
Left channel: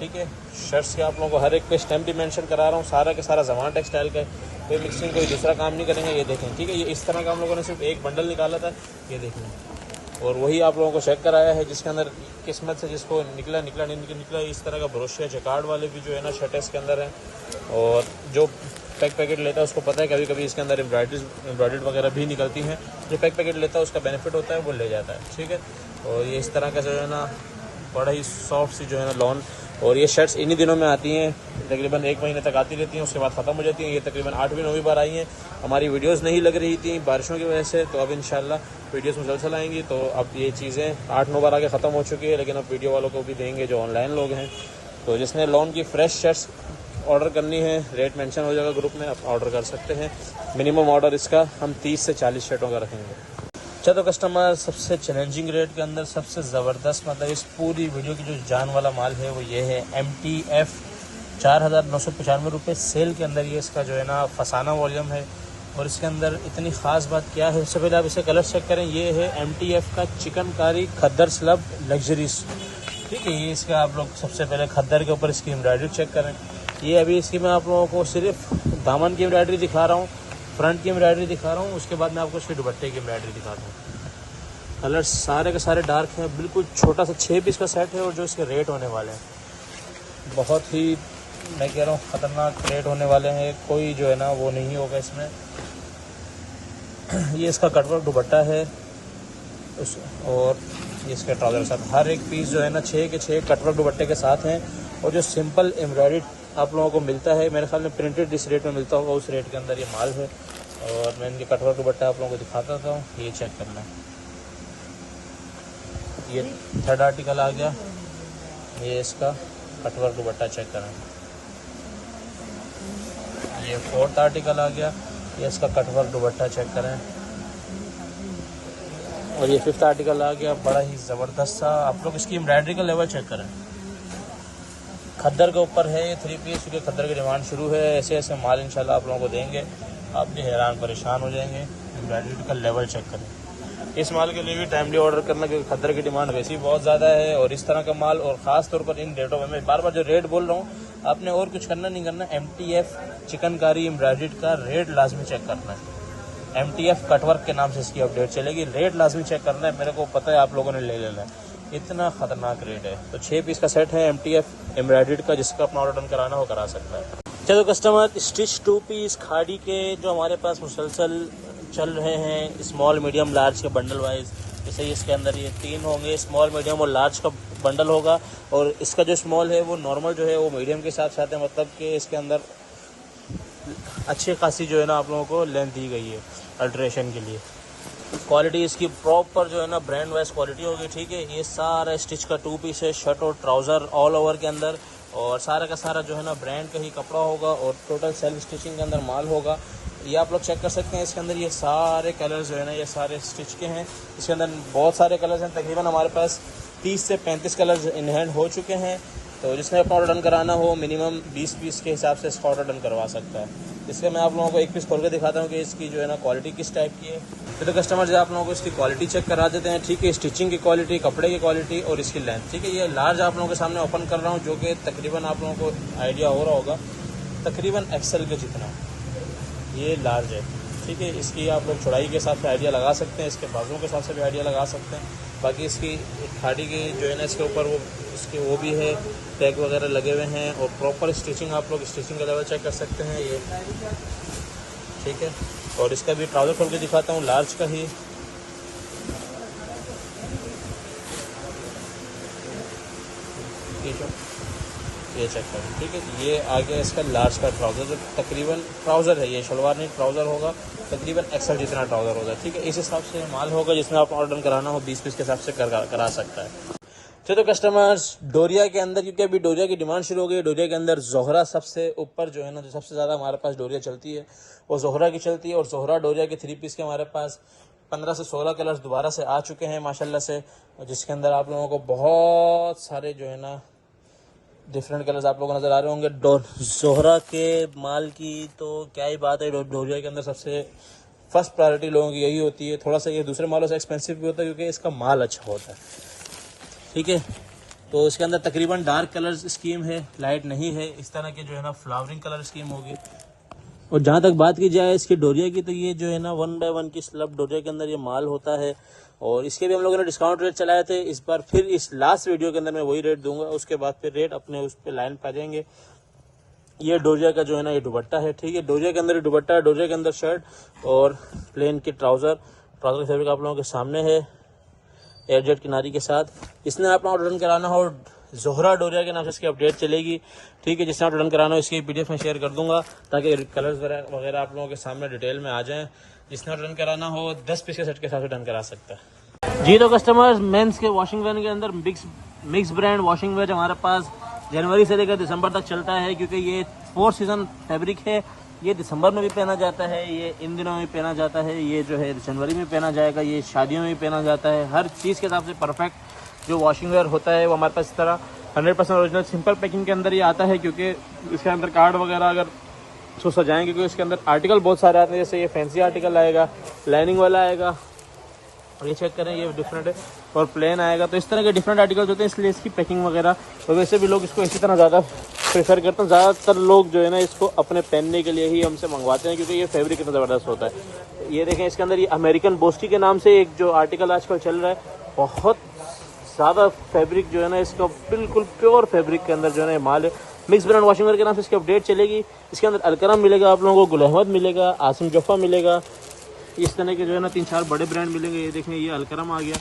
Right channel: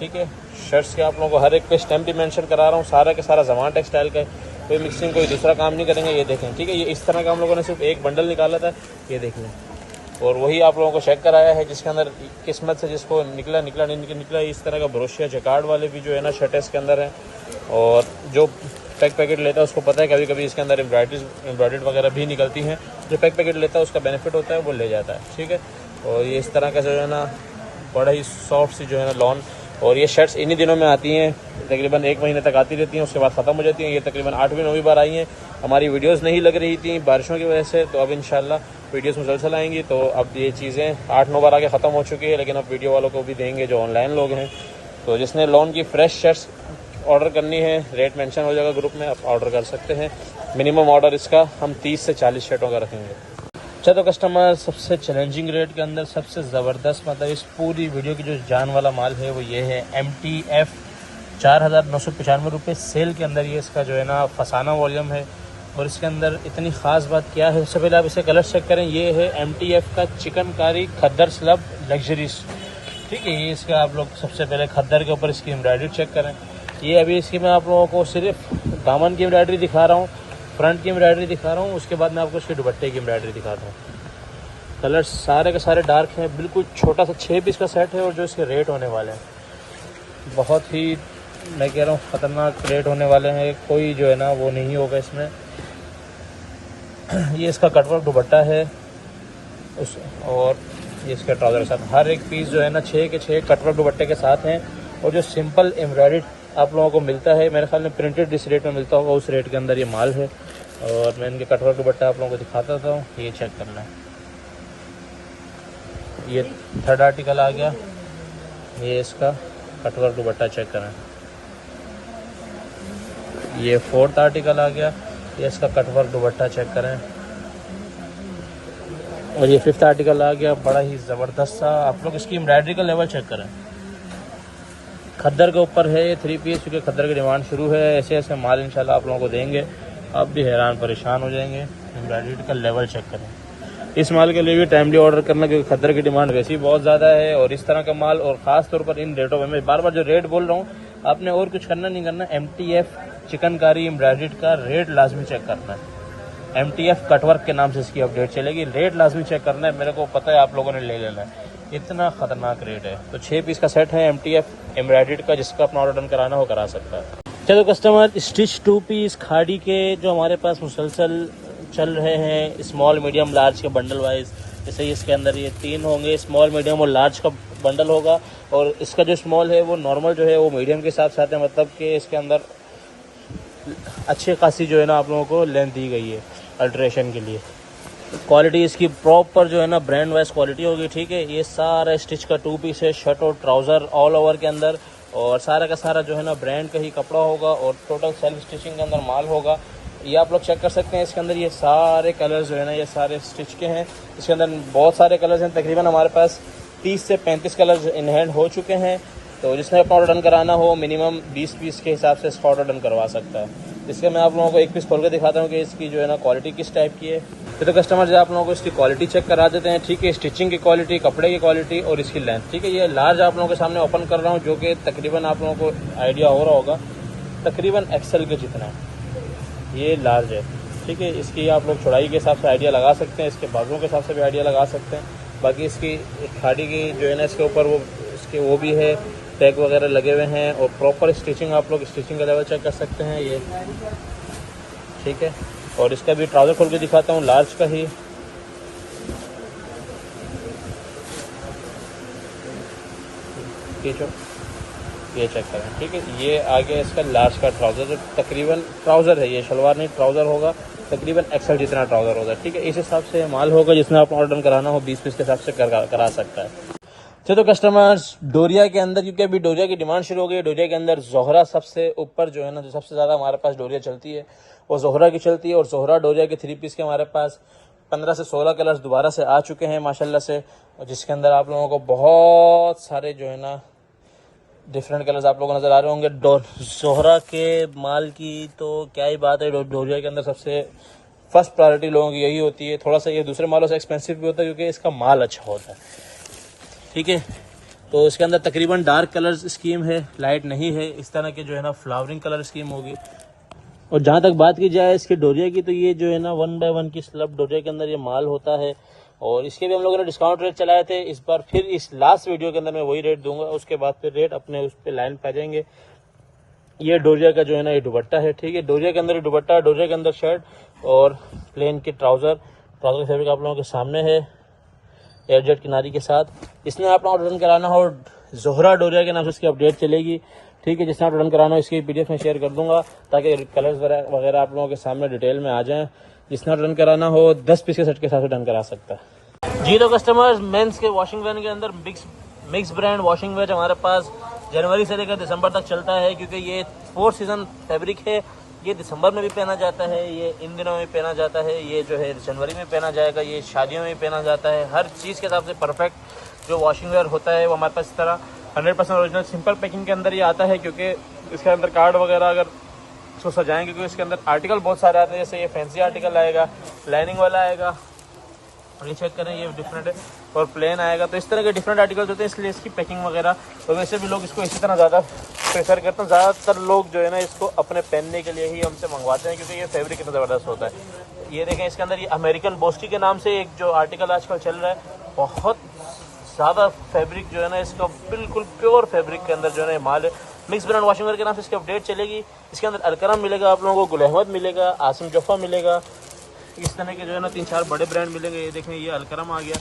ठीक है। शर्ट्स के आप लोगों को हर एक पे स्टैम्प भी मेंशन करा रहा हूँ, सारा के सारा ज़मान टेक्सटाइल का है। कोई मिक्सिंग कोई दूसरा काम नहीं करेंगे। ये देखें, ठीक है। ये इस तरह का हम लोगों ने सिर्फ एक बंडल निकाला था। ये देख लें, और वही आप लोगों को चेक कराया है, जिसके अंदर किस्मत से जिसको निकला नहीं निकला, इस तरह का ब्रोशिया जकार्ड वाले भी जो है ना शर्ट इसके अंदर है। और जो पैकेट लेता है उसको पता है कभी कभी इसके अंदर एम्ब्रॉयडरी वगैरह भी निकलती हैं। जो पैकेट लेता है उसका बेनिफिट होता है, वो ले जाता है, ठीक है। और ये इस तरह का जो है ना बड़ा ही सॉफ्ट सी जो है ना लॉन, और ये शर्ट्स इन्हीं दिनों में आती हैं, तकरीबन 1 महीने तक आती रहती हैं, उसके बाद ख़त्म हो जाती हैं। ये तकरीबन 8वीं-9वीं बार आई हैं। हमारी वीडियोस नहीं लग रही थी बारिशों की वजह से, तो अब इंशाल्लाह वीडियोस मुसलसल आएंगी। तो अब ये चीज़ें 8-9 बार आगे ख़त्म हो चुकी है, लेकिन अब वीडियो वालों को भी देंगे जो ऑनलाइन लोग हैं। तो जिसने लॉन की फ़्रेश शर्ट्स ऑर्डर करनी है, रेट मेंशन हो जाएगा ग्रुप में, आप ऑर्डर कर सकते हैं। मिनिमम ऑर्डर इसका हम 30 से 40 शर्टों का रखेंगे। अच्छा, तो कस्टमर सबसे चैलेंजिंग रेट के अंदर सबसे ज़बरदस्त, मतलब इस पूरी वीडियो की जो जान वाला माल है वो ये है MTF 4,995 रुपये सेल के अंदर। ये इसका जो है ना फसाना वॉल्यूम है। और इसके अंदर इतनी ख़ास बात क्या है, सबसे पहले आप इसे कलर चेक करें। ये है MTF का चिकनकारी खद्दर स्लब लग्जरीज, ठीक है। ये इसका आप लोग सबसे पहले खद्दर के ऊपर इसकी एम्ब्रॉयडरी चेक करें। ये अभी इसकी मैं आप लोगों को सिर्फ दामन की एम्ब्रॉयडरी दिखा रहा हूँ, फ्रंट की एम्ब्रॉयडरी दिखा रहा हूँ, उसके बाद मैं आपको इसके दुपट्टे की एम्ब्रॉयडरी दिखाता हूँ। कलर सारे के सारे डार्क हैं, बिल्कुल छोटा सा 6 पीस का सेट है। और जो इसके रेट होने वाले हैं बहुत ही, मैं कह रहा हूँ ख़तरनाक रेट होने वाले हैं। कोई जो है ना वो नहीं होगा इसमें। ये इसका कटवर्क दुपट्टा है और ये इसके ट्राउज़र के साथ हर एक पीस जो है ना 6 के 6 कटवर्क दुपट्टे के साथ हैं। और जो सिंपल एम्ब्रॉयडरी आप लोगों को मिलता है, मेरे ख्याल में प्रिंटेड जिस रेट में मिलता होगा उस रेट के अंदर ये माल है। और मैं इनके कटवर्क दुपट्टा आप लोगों को दिखाता था, ये चेक करना है। ये 3rd आर्टिकल आ गया, ये इसका कटवर्क दुपट्टा चेक करें। ये 4th आर्टिकल आ गया, ये इसका कटवर्क दुपट्टा चेक करें। और ये 5th आर्टिकल आ गया, बड़ा ही ज़बरदस्त सा। आप लोग इसकी एम्ब्रॉयडरी का लेवल चेक करें। खद्दर के ऊपर है ये 3 पीस, क्योंकि खद्दर की डिमांड शुरू है। ऐसे ऐसे माल इंशाल्लाह आप लोगों को देंगे, आप भी हैरान परेशान हो जाएंगे। एम्ब्रॉयडरी का लेवल चेक करें। इस माल के लिए भी टाइमली ऑर्डर करना, क्योंकि खद्दर की डिमांड वैसे ही बहुत ज़्यादा है। और इस तरह का माल, और ख़ास तौर पर इन रेटों में, मैं बार बार जो रेट बोल रहा हूँ, आपने और कुछ करना नहीं करना। MTF चिकनकारी एम्ब्रॉयडरी का रेट लाजमी चेक करना है। MTF कटवर्क के नाम से इसकी अपडेट चलेगी, रेट लाजमी चेक करना है। मेरे को पता है आप लोगों ने ले लेना है, इतना ख़तरनाक रेट है। तो 6 पीस का सेट है MTF एम्ब्रॉयडरी का, जिसका अपना ऑर्डर कराना हो करा सकता है। चलो कस्टमर, स्टिच 2 पीस खाड़ी के जो हमारे पास मुसलसल चल रहे हैं, स्मॉल मीडियम लार्ज के बंडल वाइज। जैसे इसके अंदर ये 3 होंगे, स्मॉल मीडियम और लार्ज का बंडल होगा। और इसका जो स्मॉल है वो नॉर्मल जो है वो मीडियम के साथ साथ है, मतलब कि इसके अंदर अच्छी खासी जो है ना आप लोगों को लेंथ दी गई है अल्ट्रेशन के लिए। क्वालिटी इसकी प्रॉपर जो है ना ब्रांड वाइज क्वालिटी होगी, ठीक है। ये सारा स्टिच का 2 पीस है, शर्ट और ट्राउज़र ऑल ओवर के अंदर। और सारा का सारा जो है ना ब्रांड का ही कपड़ा होगा और टोटल सेल्फ स्टिचिंग के अंदर माल होगा। ये आप लोग चेक कर सकते हैं। इसके अंदर ये सारे कलर्स जो है ना ये सारे स्टिच के हैं। इसके अंदर बहुत सारे कलर्स हैं, तकरीबन हमारे पास 30 से 35 कलर्स इन हैंड हो चुके हैं। तो जिसने अपना ऑर्डर डन कराना हो मिनिमम 20 पीस के हिसाब से इसका ऑर्डर डन करवा सकता है। इसके मैं आप लोगों को एक पीस खोल के दिखाता हूँ कि इसकी जो है ना क्वालिटी किस टाइप की है। तो कस्टमर जो आप लोगों को इसकी क्वालिटी चेक करा देते हैं, ठीक है। स्टिचिंग की क्वालिटी, कपड़े की क्वालिटी और इसकी लेंथ, ठीक है। ये लार्ज आप लोगों के सामने ओपन कर रहा हूँ, जो कि तकरीबन आप लोगों को आइडिया हो रहा होगा तकरीबन एक्सेल के जितना है। ये लार्ज है, ठीक है। इसकी आप लोग चौड़ाई के हिसाब से आइडिया लगा सकते हैं, इसके बाजुओं के हिसाब से भी आइडिया लगा सकते हैं। बाकी इसकी खाड़ी की जो है ना इसके ऊपर वो इसके वो भी है, टैग वगैरह लगे हुए हैं। और प्रॉपर स्टिचिंग, आप लोग स्टिचिंग का लेवल चेक कर सकते हैं ये, ठीक है। और इसका भी ट्राउज़र खोल के दिखाता हूँ, लार्ज का ही। ठीक है, ये चेक करें, ठीक है। ये आ गया इसका लार्ज का ट्राउज़र, जो तकरीबन ट्राउज़र है, ये शलवार नहीं ट्राउज़र होगा, तकरीबन एक्सेल जितना ट्राउज़र होगा, ठीक है। इस हिसाब से माल होगा, जिसमें आप ऑर्डर कराना हो 20 पीस के हिसाब से करा सकता है। तो कस्टमर्स, डोरिया के अंदर, क्योंकि अभी डोरिया की डिमांड शुरू हो गई है, डोरिया के अंदर जोहरा सबसे ऊपर जो है ना, जो सबसे ज़्यादा हमारे पास डोरिया चलती है वो जोहरा की चलती है। और जोहरा डोरिया के 3 पीस के हमारे पास 15 से 16 कलर्स दोबारा से आ चुके हैं माशाल्लाह से, जिसके अंदर आप लोगों को बहुत सारे जो है ना डिफरेंट कलर्स आप लोगों को नज़र आ रहे होंगे। जोहरा के माल की तो क्या ही बात है, डोरिया के अंदर सबसे फर्स्ट प्रायोरिटी लोगों की यही होती है। थोड़ा सा ये दूसरे मालों से एक्सपेंसिव भी होता है क्योंकि इसका माल अच्छा होता है, ठीक है। तो इसके अंदर तकरीबन डार्क कलर स्कीम है, लाइट नहीं है। इस तरह के जो है ना फ्लावरिंग कलर स्कीम होगी। और जहाँ तक बात की जाए इसके डोरिया की, तो ये जो है ना 1 बाय 1 की स्लब डोरिया के अंदर ये माल होता है। और इसके भी हम लोगों ने डिस्काउंट रेट चलाए थे। इस बार फिर इस लास्ट वीडियो के अंदर मैं वही रेट दूंगा, उसके बाद फिर रेट अपने उस पर लाइन पा जाएंगे। ये डोरिया का जो है ना ये दुपट्टा है, ठीक है। डोरिया के अंदर दुपट्टा, डोरिया के अंदर शर्ट और प्लेन के ट्राउज़र फैब्रिक आप लोगों के सामने है एयरजेट किनारी के साथ। इसने आप लोगों को रिटर्न कराना हो जोहरा डोरिया के नाम से इसकी अपडेट चलेगी, ठीक है। जिसने आप रिटर्न कराना हो इसकी PDF में शेयर कर दूंगा ताकि कलर्स वगैरह आप लोगों के सामने डिटेल में आ जाएं। जिसने रिटर्न कराना हो 10 पीस के सेट के साथ रिटर्न करा सकता है जी। तो कस्टमर्स, मेंस के वॉशिंग वेयर के अंदर मिक्स ब्रांड वॉशिंग वेयर हमारे पास जनवरी से लेकर दिसंबर तक चलता है, क्योंकि ये 4 सीज़न फैब्रिक है। ये दिसंबर में भी पहना जाता है, ये इन दिनों में पहना जाता है, ये जो है जनवरी में पहना जाएगा, ये शादियों में पहना जाता है। हर चीज़ के हिसाब से परफेक्ट जो वॉशिंग वेयर होता है वो हमारे पास इस तरह 100% ओरिजिनल सिंपल पैकिंग के अंदर ये आता है, क्योंकि इसके अंदर कार्ड वगैरह अगर उसको सजाएंगे, क्योंकि इसके अंदर आर्टिकल बहुत सारे आते हैं। जैसे ये फैंसी आर्टिकल आएगा, लाइनिंग वाला आएगा, ये चेक करें ये डिफरेंट है, और प्लेन आएगा। तो इस तरह के डिफरेंट आर्टिकल्स होते हैं, इसलिए इसकी पैकिंग वगैरह तो वैसे भी लोग इसको इसी तरह ज़्यादा प्रेफर करते हैं। ज़्यादातर लोग जो है ना इसको अपने पहनने के लिए ही हमसे मंगवाते हैं, क्योंकि ये फैब्रिक इतना ज़बरदस्त होता है। ये देखें इसके अंदर ये अमेरिकन बोस्टी के नाम से एक जो आर्टिकल आजकल चल रहा है, बहुत ज़्यादा फैब्रिक जो है ना इसको बिल्कुल प्योर फैब्रिक के अंदर जो है ना माल है। मिक्स ब्रांड वॉशिंग वेयर के नाम से इसकी अपडेट चलेगी। इसके अंदर अलकरम मिलेगा आप लोगों को, गुल अहमद मिलेगा, आसिम जफ़ा मिलेगा, इस तरह के जो है ना 3-4 बड़े ब्रांड मिलेंगे। ये देखें ये अलकरम आ गया।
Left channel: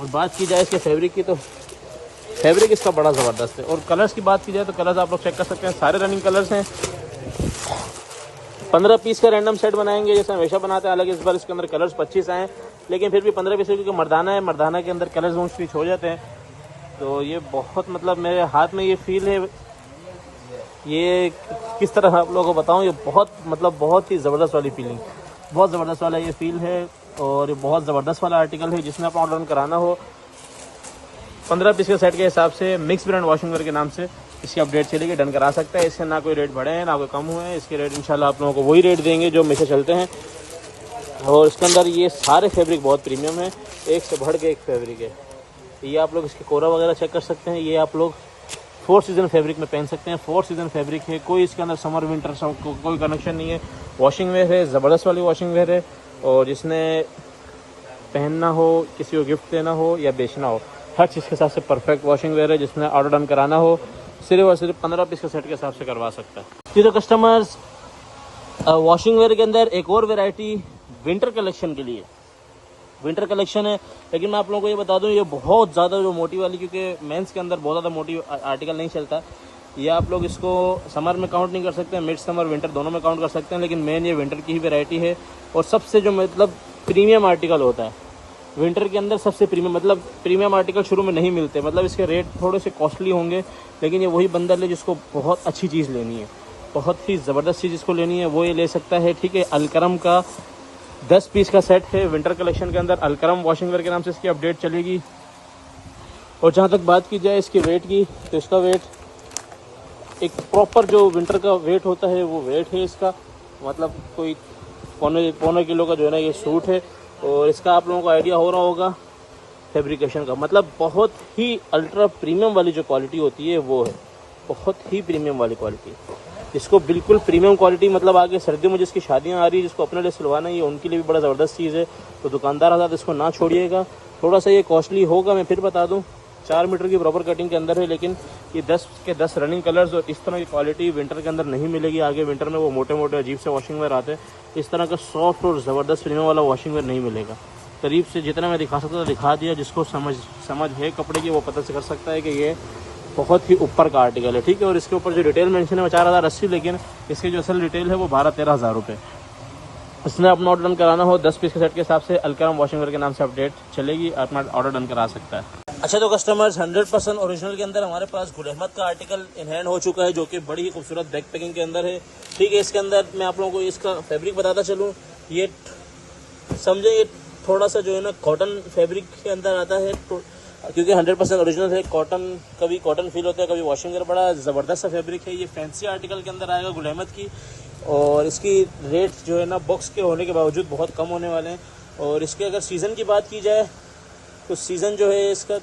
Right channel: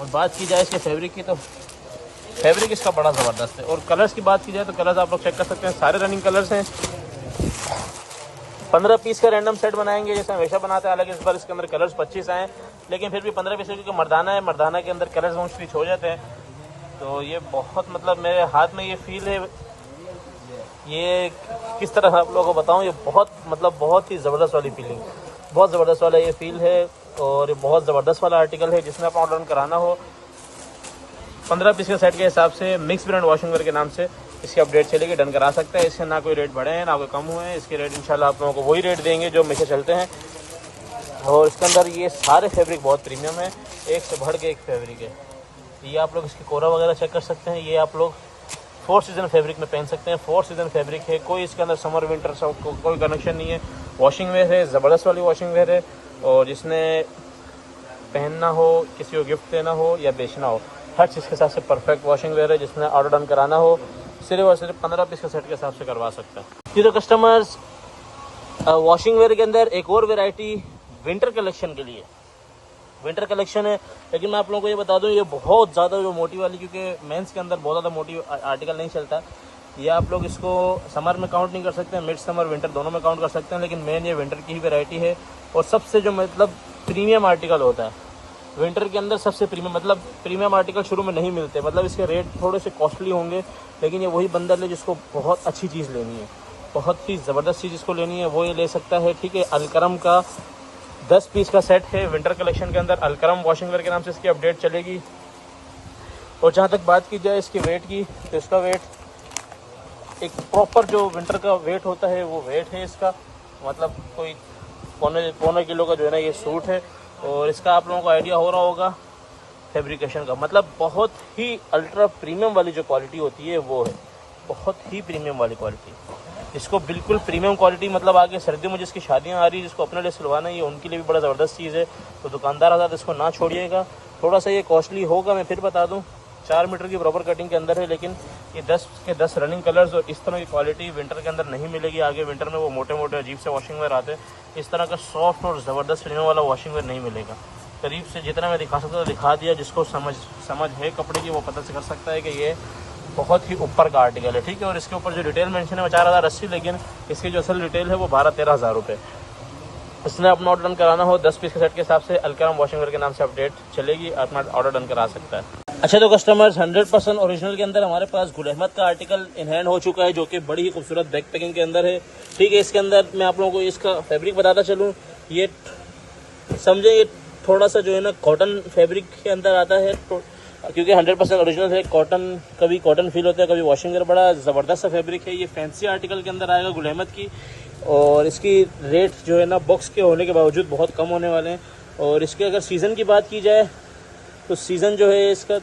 और बात की जाए इसके फैब्रिक की, तो फैब्रिक इसका बड़ा ज़बरदस्त है। और कलर्स की बात की जाए तो कलर्स आप लोग चेक कर सकते हैं, सारे रनिंग कलर्स हैं। 15 पीस का रैंडम सेट बनाएंगे जैसे हमेशा बनाते हैं, हालांकि इस बार इसके अंदर कलर्स 25 आए, लेकिन फिर भी 15 पीस क्योंकि मर्दाना है, मर्दाना के अंदर कलर्स मोस्टली हो जाते हैं। तो ये बहुत मतलब मेरे हाथ में ये फील है, ये किस तरह से आप लोगों को बताऊँ, ये बहुत ही ज़बरदस्त वाली फीलिंग, बहुत ज़बरदस्त वाला ये फील है। और बहुत ज़बरदस्त वाला आर्टिकल है। जिसमें आपको रन कराना हो 15 पीस के सेट के हिसाब से मिक्स ब्रांड वॉशिंग वेयर के नाम से इसकी अपडेट चलेगी, डन करा सकता है। इससे ना कोई रेट बढ़ा है ना कोई कम हुआ है, इसके रेट इंशाल्लाह आप लोगों को वही रेट देंगे जो हमेशा चलते हैं। और उसके अंदर ये सारे फैब्रिक बहुत प्रीमियम है, एक से बढ़ के एक फैब्रिक है। ये आप लोग इसके कोरा वगैरह चेक कर सकते हैं। ये आप लोग 4 सीज़न फैब्रिक में पहन सकते हैं, 4 सीज़न फैब्रिक है, कोई इसके अंदर समर विंटर कोई कनेक्शन नहीं है। वॉशिंग वेयर है, ज़बरदस्त वाली वॉशिंग वेयर है। और जिसने पहनना हो, किसी को गिफ्ट देना हो या बेचना हो, हर चीज़ के हिसाब से परफेक्ट वॉशिंग वेयर है। जिसने ऑर्डर डन कराना हो सिर्फ और सिर्फ 15 पीस के सेट के हिसाब से करवा सकते हैं। ये तो कस्टमर्स वॉशिंग वेयर के अंदर एक और वैरायटी विंटर कलेक्शन के लिए विंटर कलेक्शन है, लेकिन मैं आप लोगों को ये बता दूं ये बहुत ज़्यादा वो मोटी वाली, क्योंकि मेंस के अंदर बहुत ज़्यादा मोटी आर्टिकल नहीं चलता। ये आप लोग इसको समर में काउंट नहीं कर सकते, मिड समर विंटर दोनों में काउंट कर सकते हैं, लेकिन मेन ये विंटर की ही वैरायटी है। और सबसे जो मतलब प्रीमियम आर्टिकल होता है विंटर के अंदर, सबसे प्रीमियम मतलब प्रीमियम आर्टिकल शुरू में नहीं मिलते, मतलब इसके रेट थोड़े से कॉस्टली होंगे, लेकिन ये वही बंदा है जिसको बहुत अच्छी चीज़ लेनी है, बहुत ही ज़बरदस्त चीज़ जिसको लेनी है वो ये ले सकता है, ठीक है। अलकरम का 10 पीस का सेट है विंटर कलेक्शन के अंदर, अलकरम वॉशिंग वेयर के नाम से इसकी अपडेट चलेगी। और जहाँ तक बात की जाए इसके वेट की, तो इसका वेट एक प्रॉपर जो विंटर का वेट होता है वो वेट है इसका, मतलब कोई पौने किलो का जो है ना ये सूट है। और इसका आप लोगों को आइडिया हो रहा होगा फैब्रिकेशन का, मतलब बहुत ही अल्ट्रा प्रीमियम वाली जो क्वालिटी होती है वो है, बहुत ही प्रीमियम वाली क्वालिटी। इसको बिल्कुल प्रीमियम क्वालिटी, मतलब आगे सर्दियों में जिसकी शादियां आ रही है, जिसको अपने लिए सिलवाना है, उनके लिए भी बड़ा ज़बरदस्त चीज़ है। तो दुकानदार आजाद इसको ना छोड़िएगा। थोड़ा सा ये कॉस्टली होगा, मैं फिर बता दूं 4 मीटर की प्रॉपर कटिंग के अंदर है, लेकिन ये 10 के 10 रनिंग कलर्स और इस तरह की क्वालिटी विंटर के अंदर नहीं मिलेगी। आगे विंटर में वो मोटे मोटे अजीब से वॉशिंग वेयर आते हैं, इस तरह के सॉफ्ट और ज़बरदस्त प्रीमियम वाला वॉशिंग वेयर नहीं मिलेगा। करीब से जितना मैं दिखा सकता था दिखा दिया, जिसको समझ है कपड़े की वो पता चल सकता है कि ये बहुत ही ऊपर का आर्टिकल है, ठीक है। और इसके ऊपर जो डिटेल मेंशन है वो 4080, लेकिन इसकी जो असल डिटेल है वो 12-13 हज़ार रुपये। इसने अपना ऑर्डर डन कराना हो 10 पीस के सेट के हिसाब से अलकरम वॉशिंग वेयर के नाम से अपडेट चलेगी, अपना ऑर्डर डन करा सकता है। अच्छा तो कस्टमर्स 100% ओरिजिनल के अंदर हमारे पास गुल अहमद का आर्टिकल इन हैंड हो चुका है, जो कि बड़ी ही खूबसूरत बैक पैकिंग के अंदर है, ठीक है। इसके अंदर मैं आप लोगों को इसका फैब्रिक बताता चलूँ, ये समझे ये थोड़ा सा जो है ना कॉटन फैब्रिक के अंदर आता है, तो क्योंकि 100% ओरिजिनल है, कॉटन कभी कॉटन फील होता है, कभी वॉशिंग वेयर, बड़ा ज़बरदस्त सा फैब्रिक है। ये फैंसी आर्टिकल के अंदर आएगा गुल अहमद की, और इसकी रेट जो है ना बॉक्स के होने के बावजूद बहुत कम होने वाले हैं। और इसके अगर सीज़न की बात की जाए तो सीज़न जो है इसका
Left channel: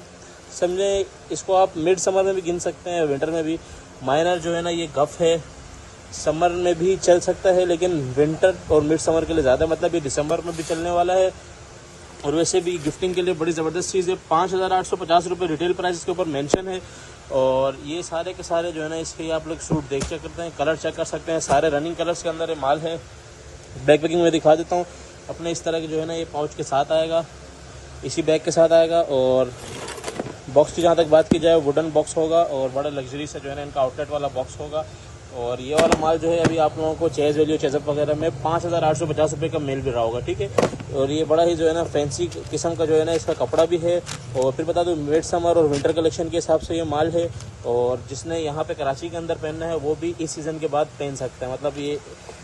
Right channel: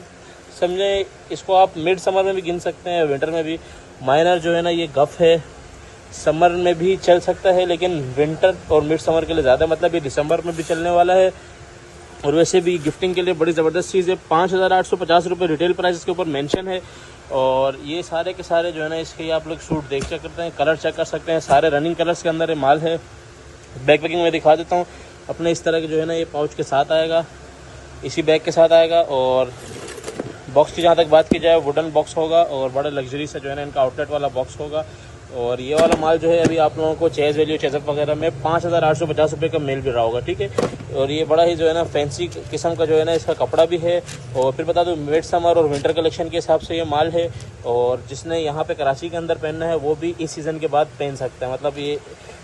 समझे इसको आप मिड समर में भी गिन सकते हैं, विंटर में भी। माइनर जो है ना ये गफ है, समर में भी चल सकता है, लेकिन विंटर और मिड समर के लिए ज़्यादा, मतलब ये दिसंबर में भी चलने वाला है और वैसे भी गिफ्टिंग के लिए बड़ी ज़बरदस्त चीज़ है। 5,850 रुपये रिटेल प्राइस इसके ऊपर मेंशन है। और ये सारे के सारे जो है ना इसके आप लोग सूट देख चेक करते हैं, कलर चेक कर सकते हैं, सारे रनिंग कलर्स के अंदर ये माल है। बैक पैकिंग में दिखा देता हूँ अपने, इस तरह के जो है ना ये पाउच के साथ आएगा, इसी बैग के साथ आएगा। और बॉक्स की जहाँ तक बात की जाए वुडन बॉक्स होगा और बड़ा लग्जरी से जो है ना इनका आउटलेट वाला बॉक्स होगा। और ये वाला माल जो है अभी आप लोगों को चेज वैल्यू चेजअप वगैरह में 5,850 रुपये का मिल भी रहा होगा, ठीक है। और ये बड़ा ही जो है ना फैंसी किस्म का जो है ना इसका कपड़ा भी है। और फिर बता दूँ मिड समर और विंटर कलेक्शन के हिसाब से ये माल है। और जिसने यहाँ पे कराची के अंदर पहनना है वो भी इस सीज़न के बाद पहन सकता है, मतलब ये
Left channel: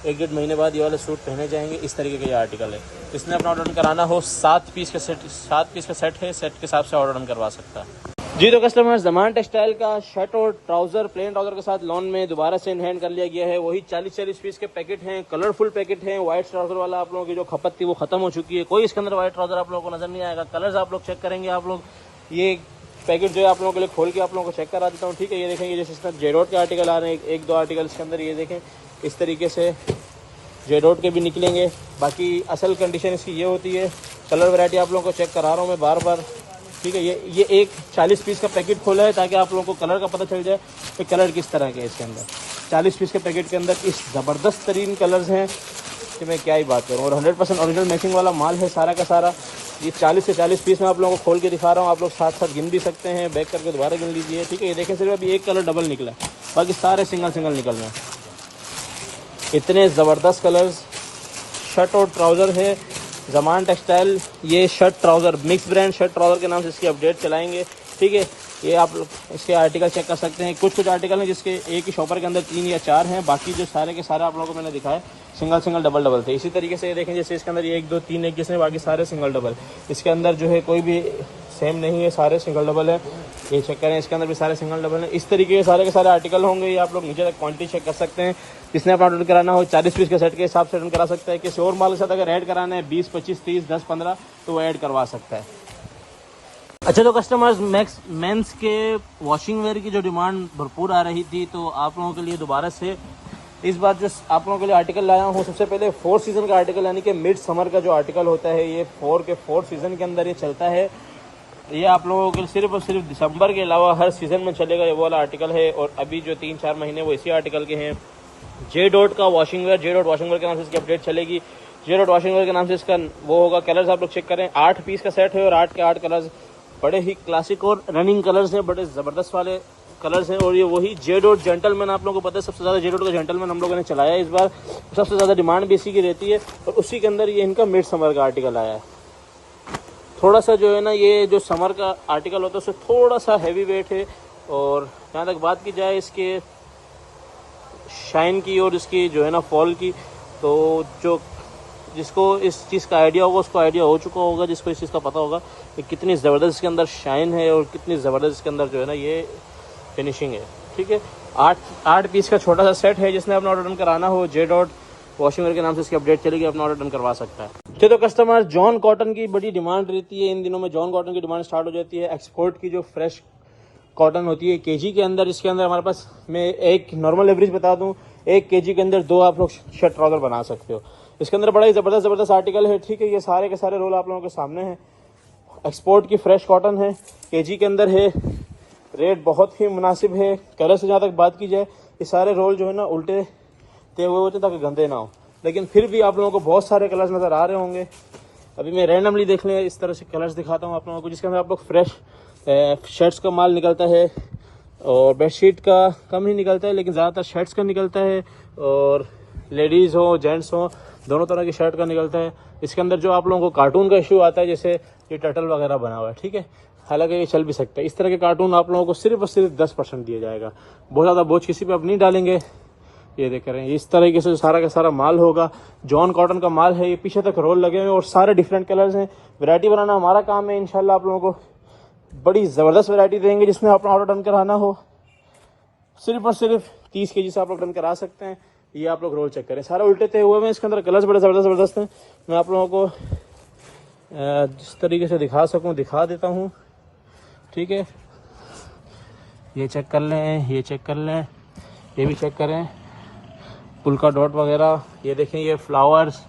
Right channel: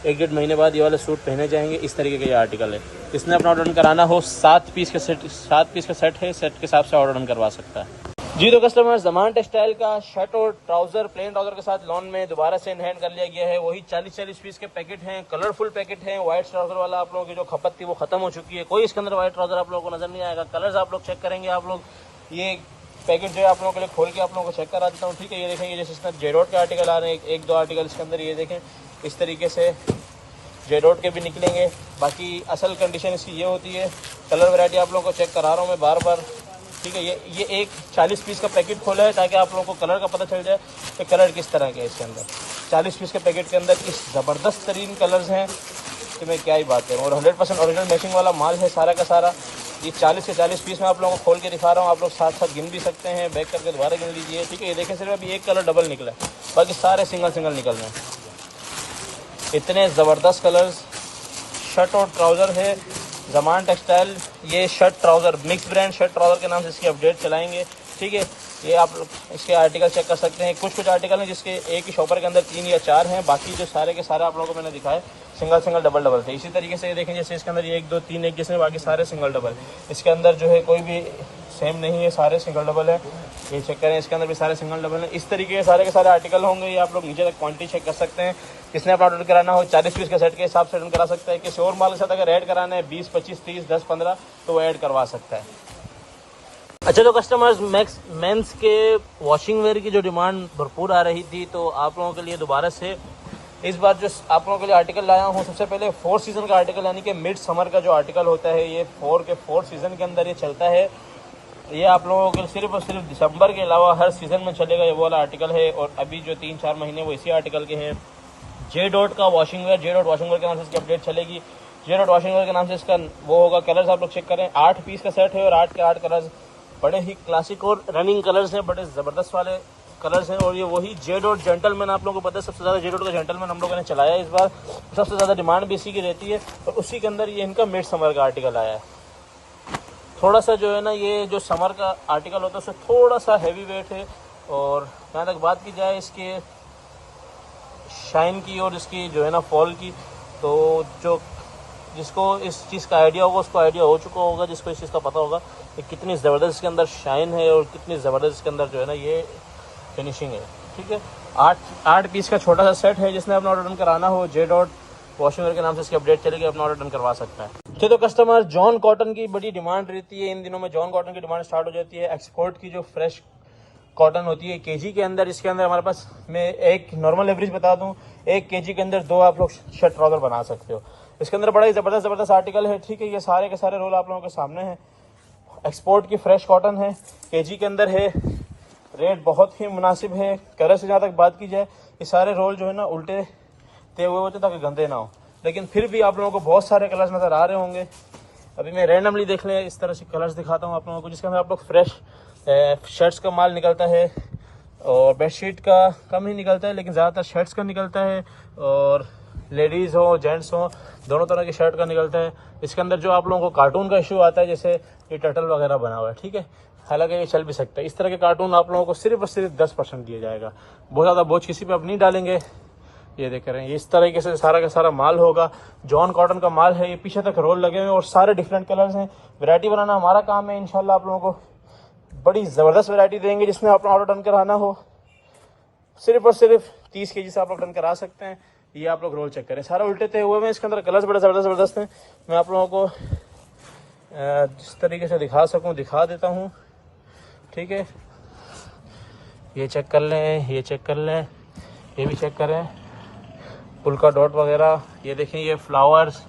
1-1.5 महीने बाद ये वाले सूट पहने जाएंगे। इस तरीके का ये आर्टिकल है। जिसने अपना ऑर्डर कराना हो 7 पीस का सेट है, सेट के हिसाब से ऑर्डर करवा सकता है जी। तो कस्टमर ज़मान टेक्सटाइल का शर्ट और ट्राउजर प्लेन ट्राउजर के साथ लोन में दोबारा से इनहैंड कर लिया गया है। वही 40-40 पीस के पैकेट हैं, कलरफुल पैकेट हैं। व्हाइट ट्राउजर वाला आप लोगों की जो खपत थी वो खत्म हो चुकी है, कोई इसके अंदर व्हाइट ट्राउजर आप लोगों को नजर नहीं आएगा। कलर्स आप लोग चेक करेंगे, आप लोग ये पैकेट जो आप लोगों के लिए खोल के आप लोगों को चेक करा देता हूँ, ठीक है। ये देखेंगे जैसे इसमें जेडोट के आर्टिकल आ रहे हैं, 1-2 आर्टिकल इसके अंदर ये देखें इस तरीके से जेडोट के भी निकलेंगे। बाकी असल कंडीशन इसकी ये होती है। कलर वैरायटी आप लोगों को चेक करा रहा हूँ मैं बार बार, ठीक है। ये एक 40 पीस का पैकेट खोला है ताकि आप लोगों को कलर का पता चल जाए कि कलर किस तरह का है इसके अंदर। 40 पीस के पैकेट के अंदर इस ज़बरदस्त तरीन कलर्स हैं कि मैं क्या ही बात करूँ। और 100% ओरिजिनल मैचिंग वाला माल है सारा का सारा। ये 40 से 40 पीस मैं आप लोगों को खोल के दिखा रहा हूँ, आप लोग साथ साथ गिन भी सकते हैं, बैक करके दोबारा गिन लीजिए, ठीक है। ये देखें सिर्फ अभी एक कलर डबल निकला है, बाकी सारे सिंगल निकल रहे हैं। इतने ज़बरदस्त कलर्स शर्ट और ट्राउज़र है। ज़मान टेक्सटाइल ये shirt trouser mix brand shirt trouser के नाम से इसकी अपडेट चलाएंगे, ठीक है। ये आप इसके आर्टिकल चेक कर सकते हैं। कुछ आर्टिकल हैं जिसके एक ही शॉपर के अंदर 3 या 4 हैं, बाकी जो सारे के सारे आप लोगों को मैंने दिखाए सिंगल डबल थे। इसी तरीके से ये देखें जैसे इसके अंदर ये 1 2 3 एक जिसमें बाकी सारे सिंगल डबल। इसके अंदर जो है कोई भी सेम नहीं है, सारे सिंगल डबल है। ये चेक करें, इसके अंदर भी सारे सिंगल डबल हैं। इस तरीके के सारे आर्टिकल होंगे। ये आप लोग नीचे तक क्वांटिटी चेक कर सकते हैं। जिसने आप ऑर्डर कराना हो 40 पीस के सेट के हिसाब से ऑर्डर करा सकता है। किसी और माल के साथ अगर ऐड कराना है 20 25 30 10 15 तो वो ऐड करवा सकता है। अच्छा, तो कस्टमर्स मेंस के वॉशिंग वेयर की जो डिमांड भरपूर आ रही थी, तो आप लोगों के लिए दोबारा से इस बार जो आप लोगों के लिए आर्टिकल लाया हूँ, सबसे पहले 4 सीज़न का आर्टिकल यानी कि मिड समर का जो आर्टिकल होता है ये 4 सीज़न के अंदर ये चलता है। ये आप लोगों के सिर्फ और सिर्फ दिसंबर के अलावा हर सीज़न में चलेगा ये वाला आर्टिकल है। और अभी जो 3-4 महीने वो इसी आर्टिकल के हैं। जे डॉट का washing where, J dot washing where के नाम से इसकी अपडेट चलेगी। जे डॉट वॉशिंग वेयर के नाम से इसका वो होगा। कलर्स आप लोग चेक करें, 8 पीस का सेट है और 8 के 8 कलर्स बड़े ही क्लासिक और रनिंग कलर्स हैं, बड़े ज़बरदस्त वाले कलर्स हैं। और ये वही जे डॉट जेंटलमैन, आप लोगों को पता है सबसे ज़्यादा जे डॉट का जेंटलमैन हम लोगों ने चलाया है इस बार, सबसे ज़्यादा डिमांड भी इसी की रहती है। और उसी के अंदर ये इनका मिड समर का आर्टिकल आया है। थोड़ा सा जो है ना ये जो समर का आर्टिकल होता है उससे थोड़ा सा हैवी वेट है। और जहाँ तक बात की जाए इसके शाइन की और इसकी जो है ना फॉल की, तो जो जिसको इस चीज़ का आइडिया होगा उसको आइडिया हो चुका होगा, जिसको इस चीज़ का पता होगा कि कितनी ज़बरदस्त इसके अंदर शाइन है और कितनी ज़बरदस्त इसके अंदर जो है ना ये फिनिशिंग है, ठीक है। 8 पीस का छोटा सा सेट है। जिसने अपना ऑर्डर कराना हो जे डॉट वॉशिंग वेयर के नाम से इसकी अपडेट चलेगी, अपना ऑर्डर करवा सकता है। तो कस्टमर जॉन कॉटन की बड़ी डिमांड रहती है इन दिनों में। जॉन कॉटन की डिमांड स्टार्ट हो जाती है। एक्सपोर्ट की जो फ्रेश कॉटन होती है केजी के अंदर, इसके अंदर हमारे पास मैं एक नॉर्मल एवरेज बता दूं, 1 केजी के अंदर 2 आप लोग शर्ट ट्राउजर बना सकते हो। इसके अंदर बड़ा ही ज़बरदस्त आर्टिकल है, ठीक है। ये सारे के सारे रोल आप लोगों के सामने हैं। एक्सपोर्ट की फ्रेश कॉटन है, केजी के अंदर है, रेट बहुत ही मुनासिब है। कलर से जहाँ तक बात की जाए ये सारे रोल जो है ना उल्टे ते हुए होते ताकि गंदे ना हो, लेकिन फिर भी आप लोगों को बहुत सारे कलर्स नज़र आ रहे होंगे। अभी मैं रैंडमली देख लें इस तरह से कलर्स दिखाता हूँ आप लोगों को, जिसके अंदर आप लोग फ्रेश शर्ट्स का माल निकलता है और बेडशीट का कम ही निकलता है, लेकिन ज़्यादातर शर्ट्स का निकलता है। और लेडीज़ हो जेंट्स हो दोनों तरह की शर्ट का निकलता है। इसके अंदर जो आप लोगों को कार्टून का इशू आता है, जैसे ये टर्टल वगैरह बना हुआ है, ठीक है, हालांकि ये चल भी सकता है। इस तरह के कार्टून आप लोगों को सिर्फ और सिर्फ 10% दिया जाएगा। बहुत ज़्यादा बोझ किसी पे आप नहीं डालेंगे। ये देख रहे हैं इस तरीके से सारा का सारा माल होगा। जॉन कॉटन का माल है। ये पीछे तक रोल लगे हुए हैं और सारे डिफरेंट कलर्स हैं। वैरायटी बनाना हमारा काम है। इंशाल्लाह आप लोगों को बड़ी ज़बरदस्त वैरायटी देंगे। जिसमें आप ऑर्डर डन कराना हो सिर्फ और सिर्फ 30 केजी से आप लोग डन करा सकते हैं। ये आप लोग रोल चेक करें, सारा उल्टे तय हुए हैं। इसके अंदर कलर्स बड़े ज़बरदस्त हैं। मैं आप लोगों को इस तरीके से दिखा देता हूँ, ठीक है। ये चेक कर लें, ये चेक कर लें, ये भी चेक करें, उल्का डॉट वगैरह। ये देखें ये फ्लावर्स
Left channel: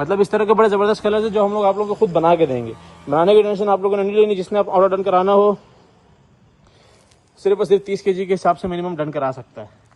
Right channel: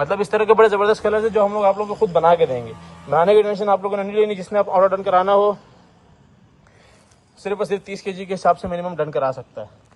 मतलब इस तरह के बड़े ज़बरदस्त कलर्स है जो हम लोग आप लोगों को खुद बना के देंगे। बनाने की टेंशन आप लोगों ने नहीं लेनी। जिसने आप ऑर्डर डन कराना हो सिर्फ और सिर्फ 30 kg के हिसाब से मिनिमम डन करा सकता है।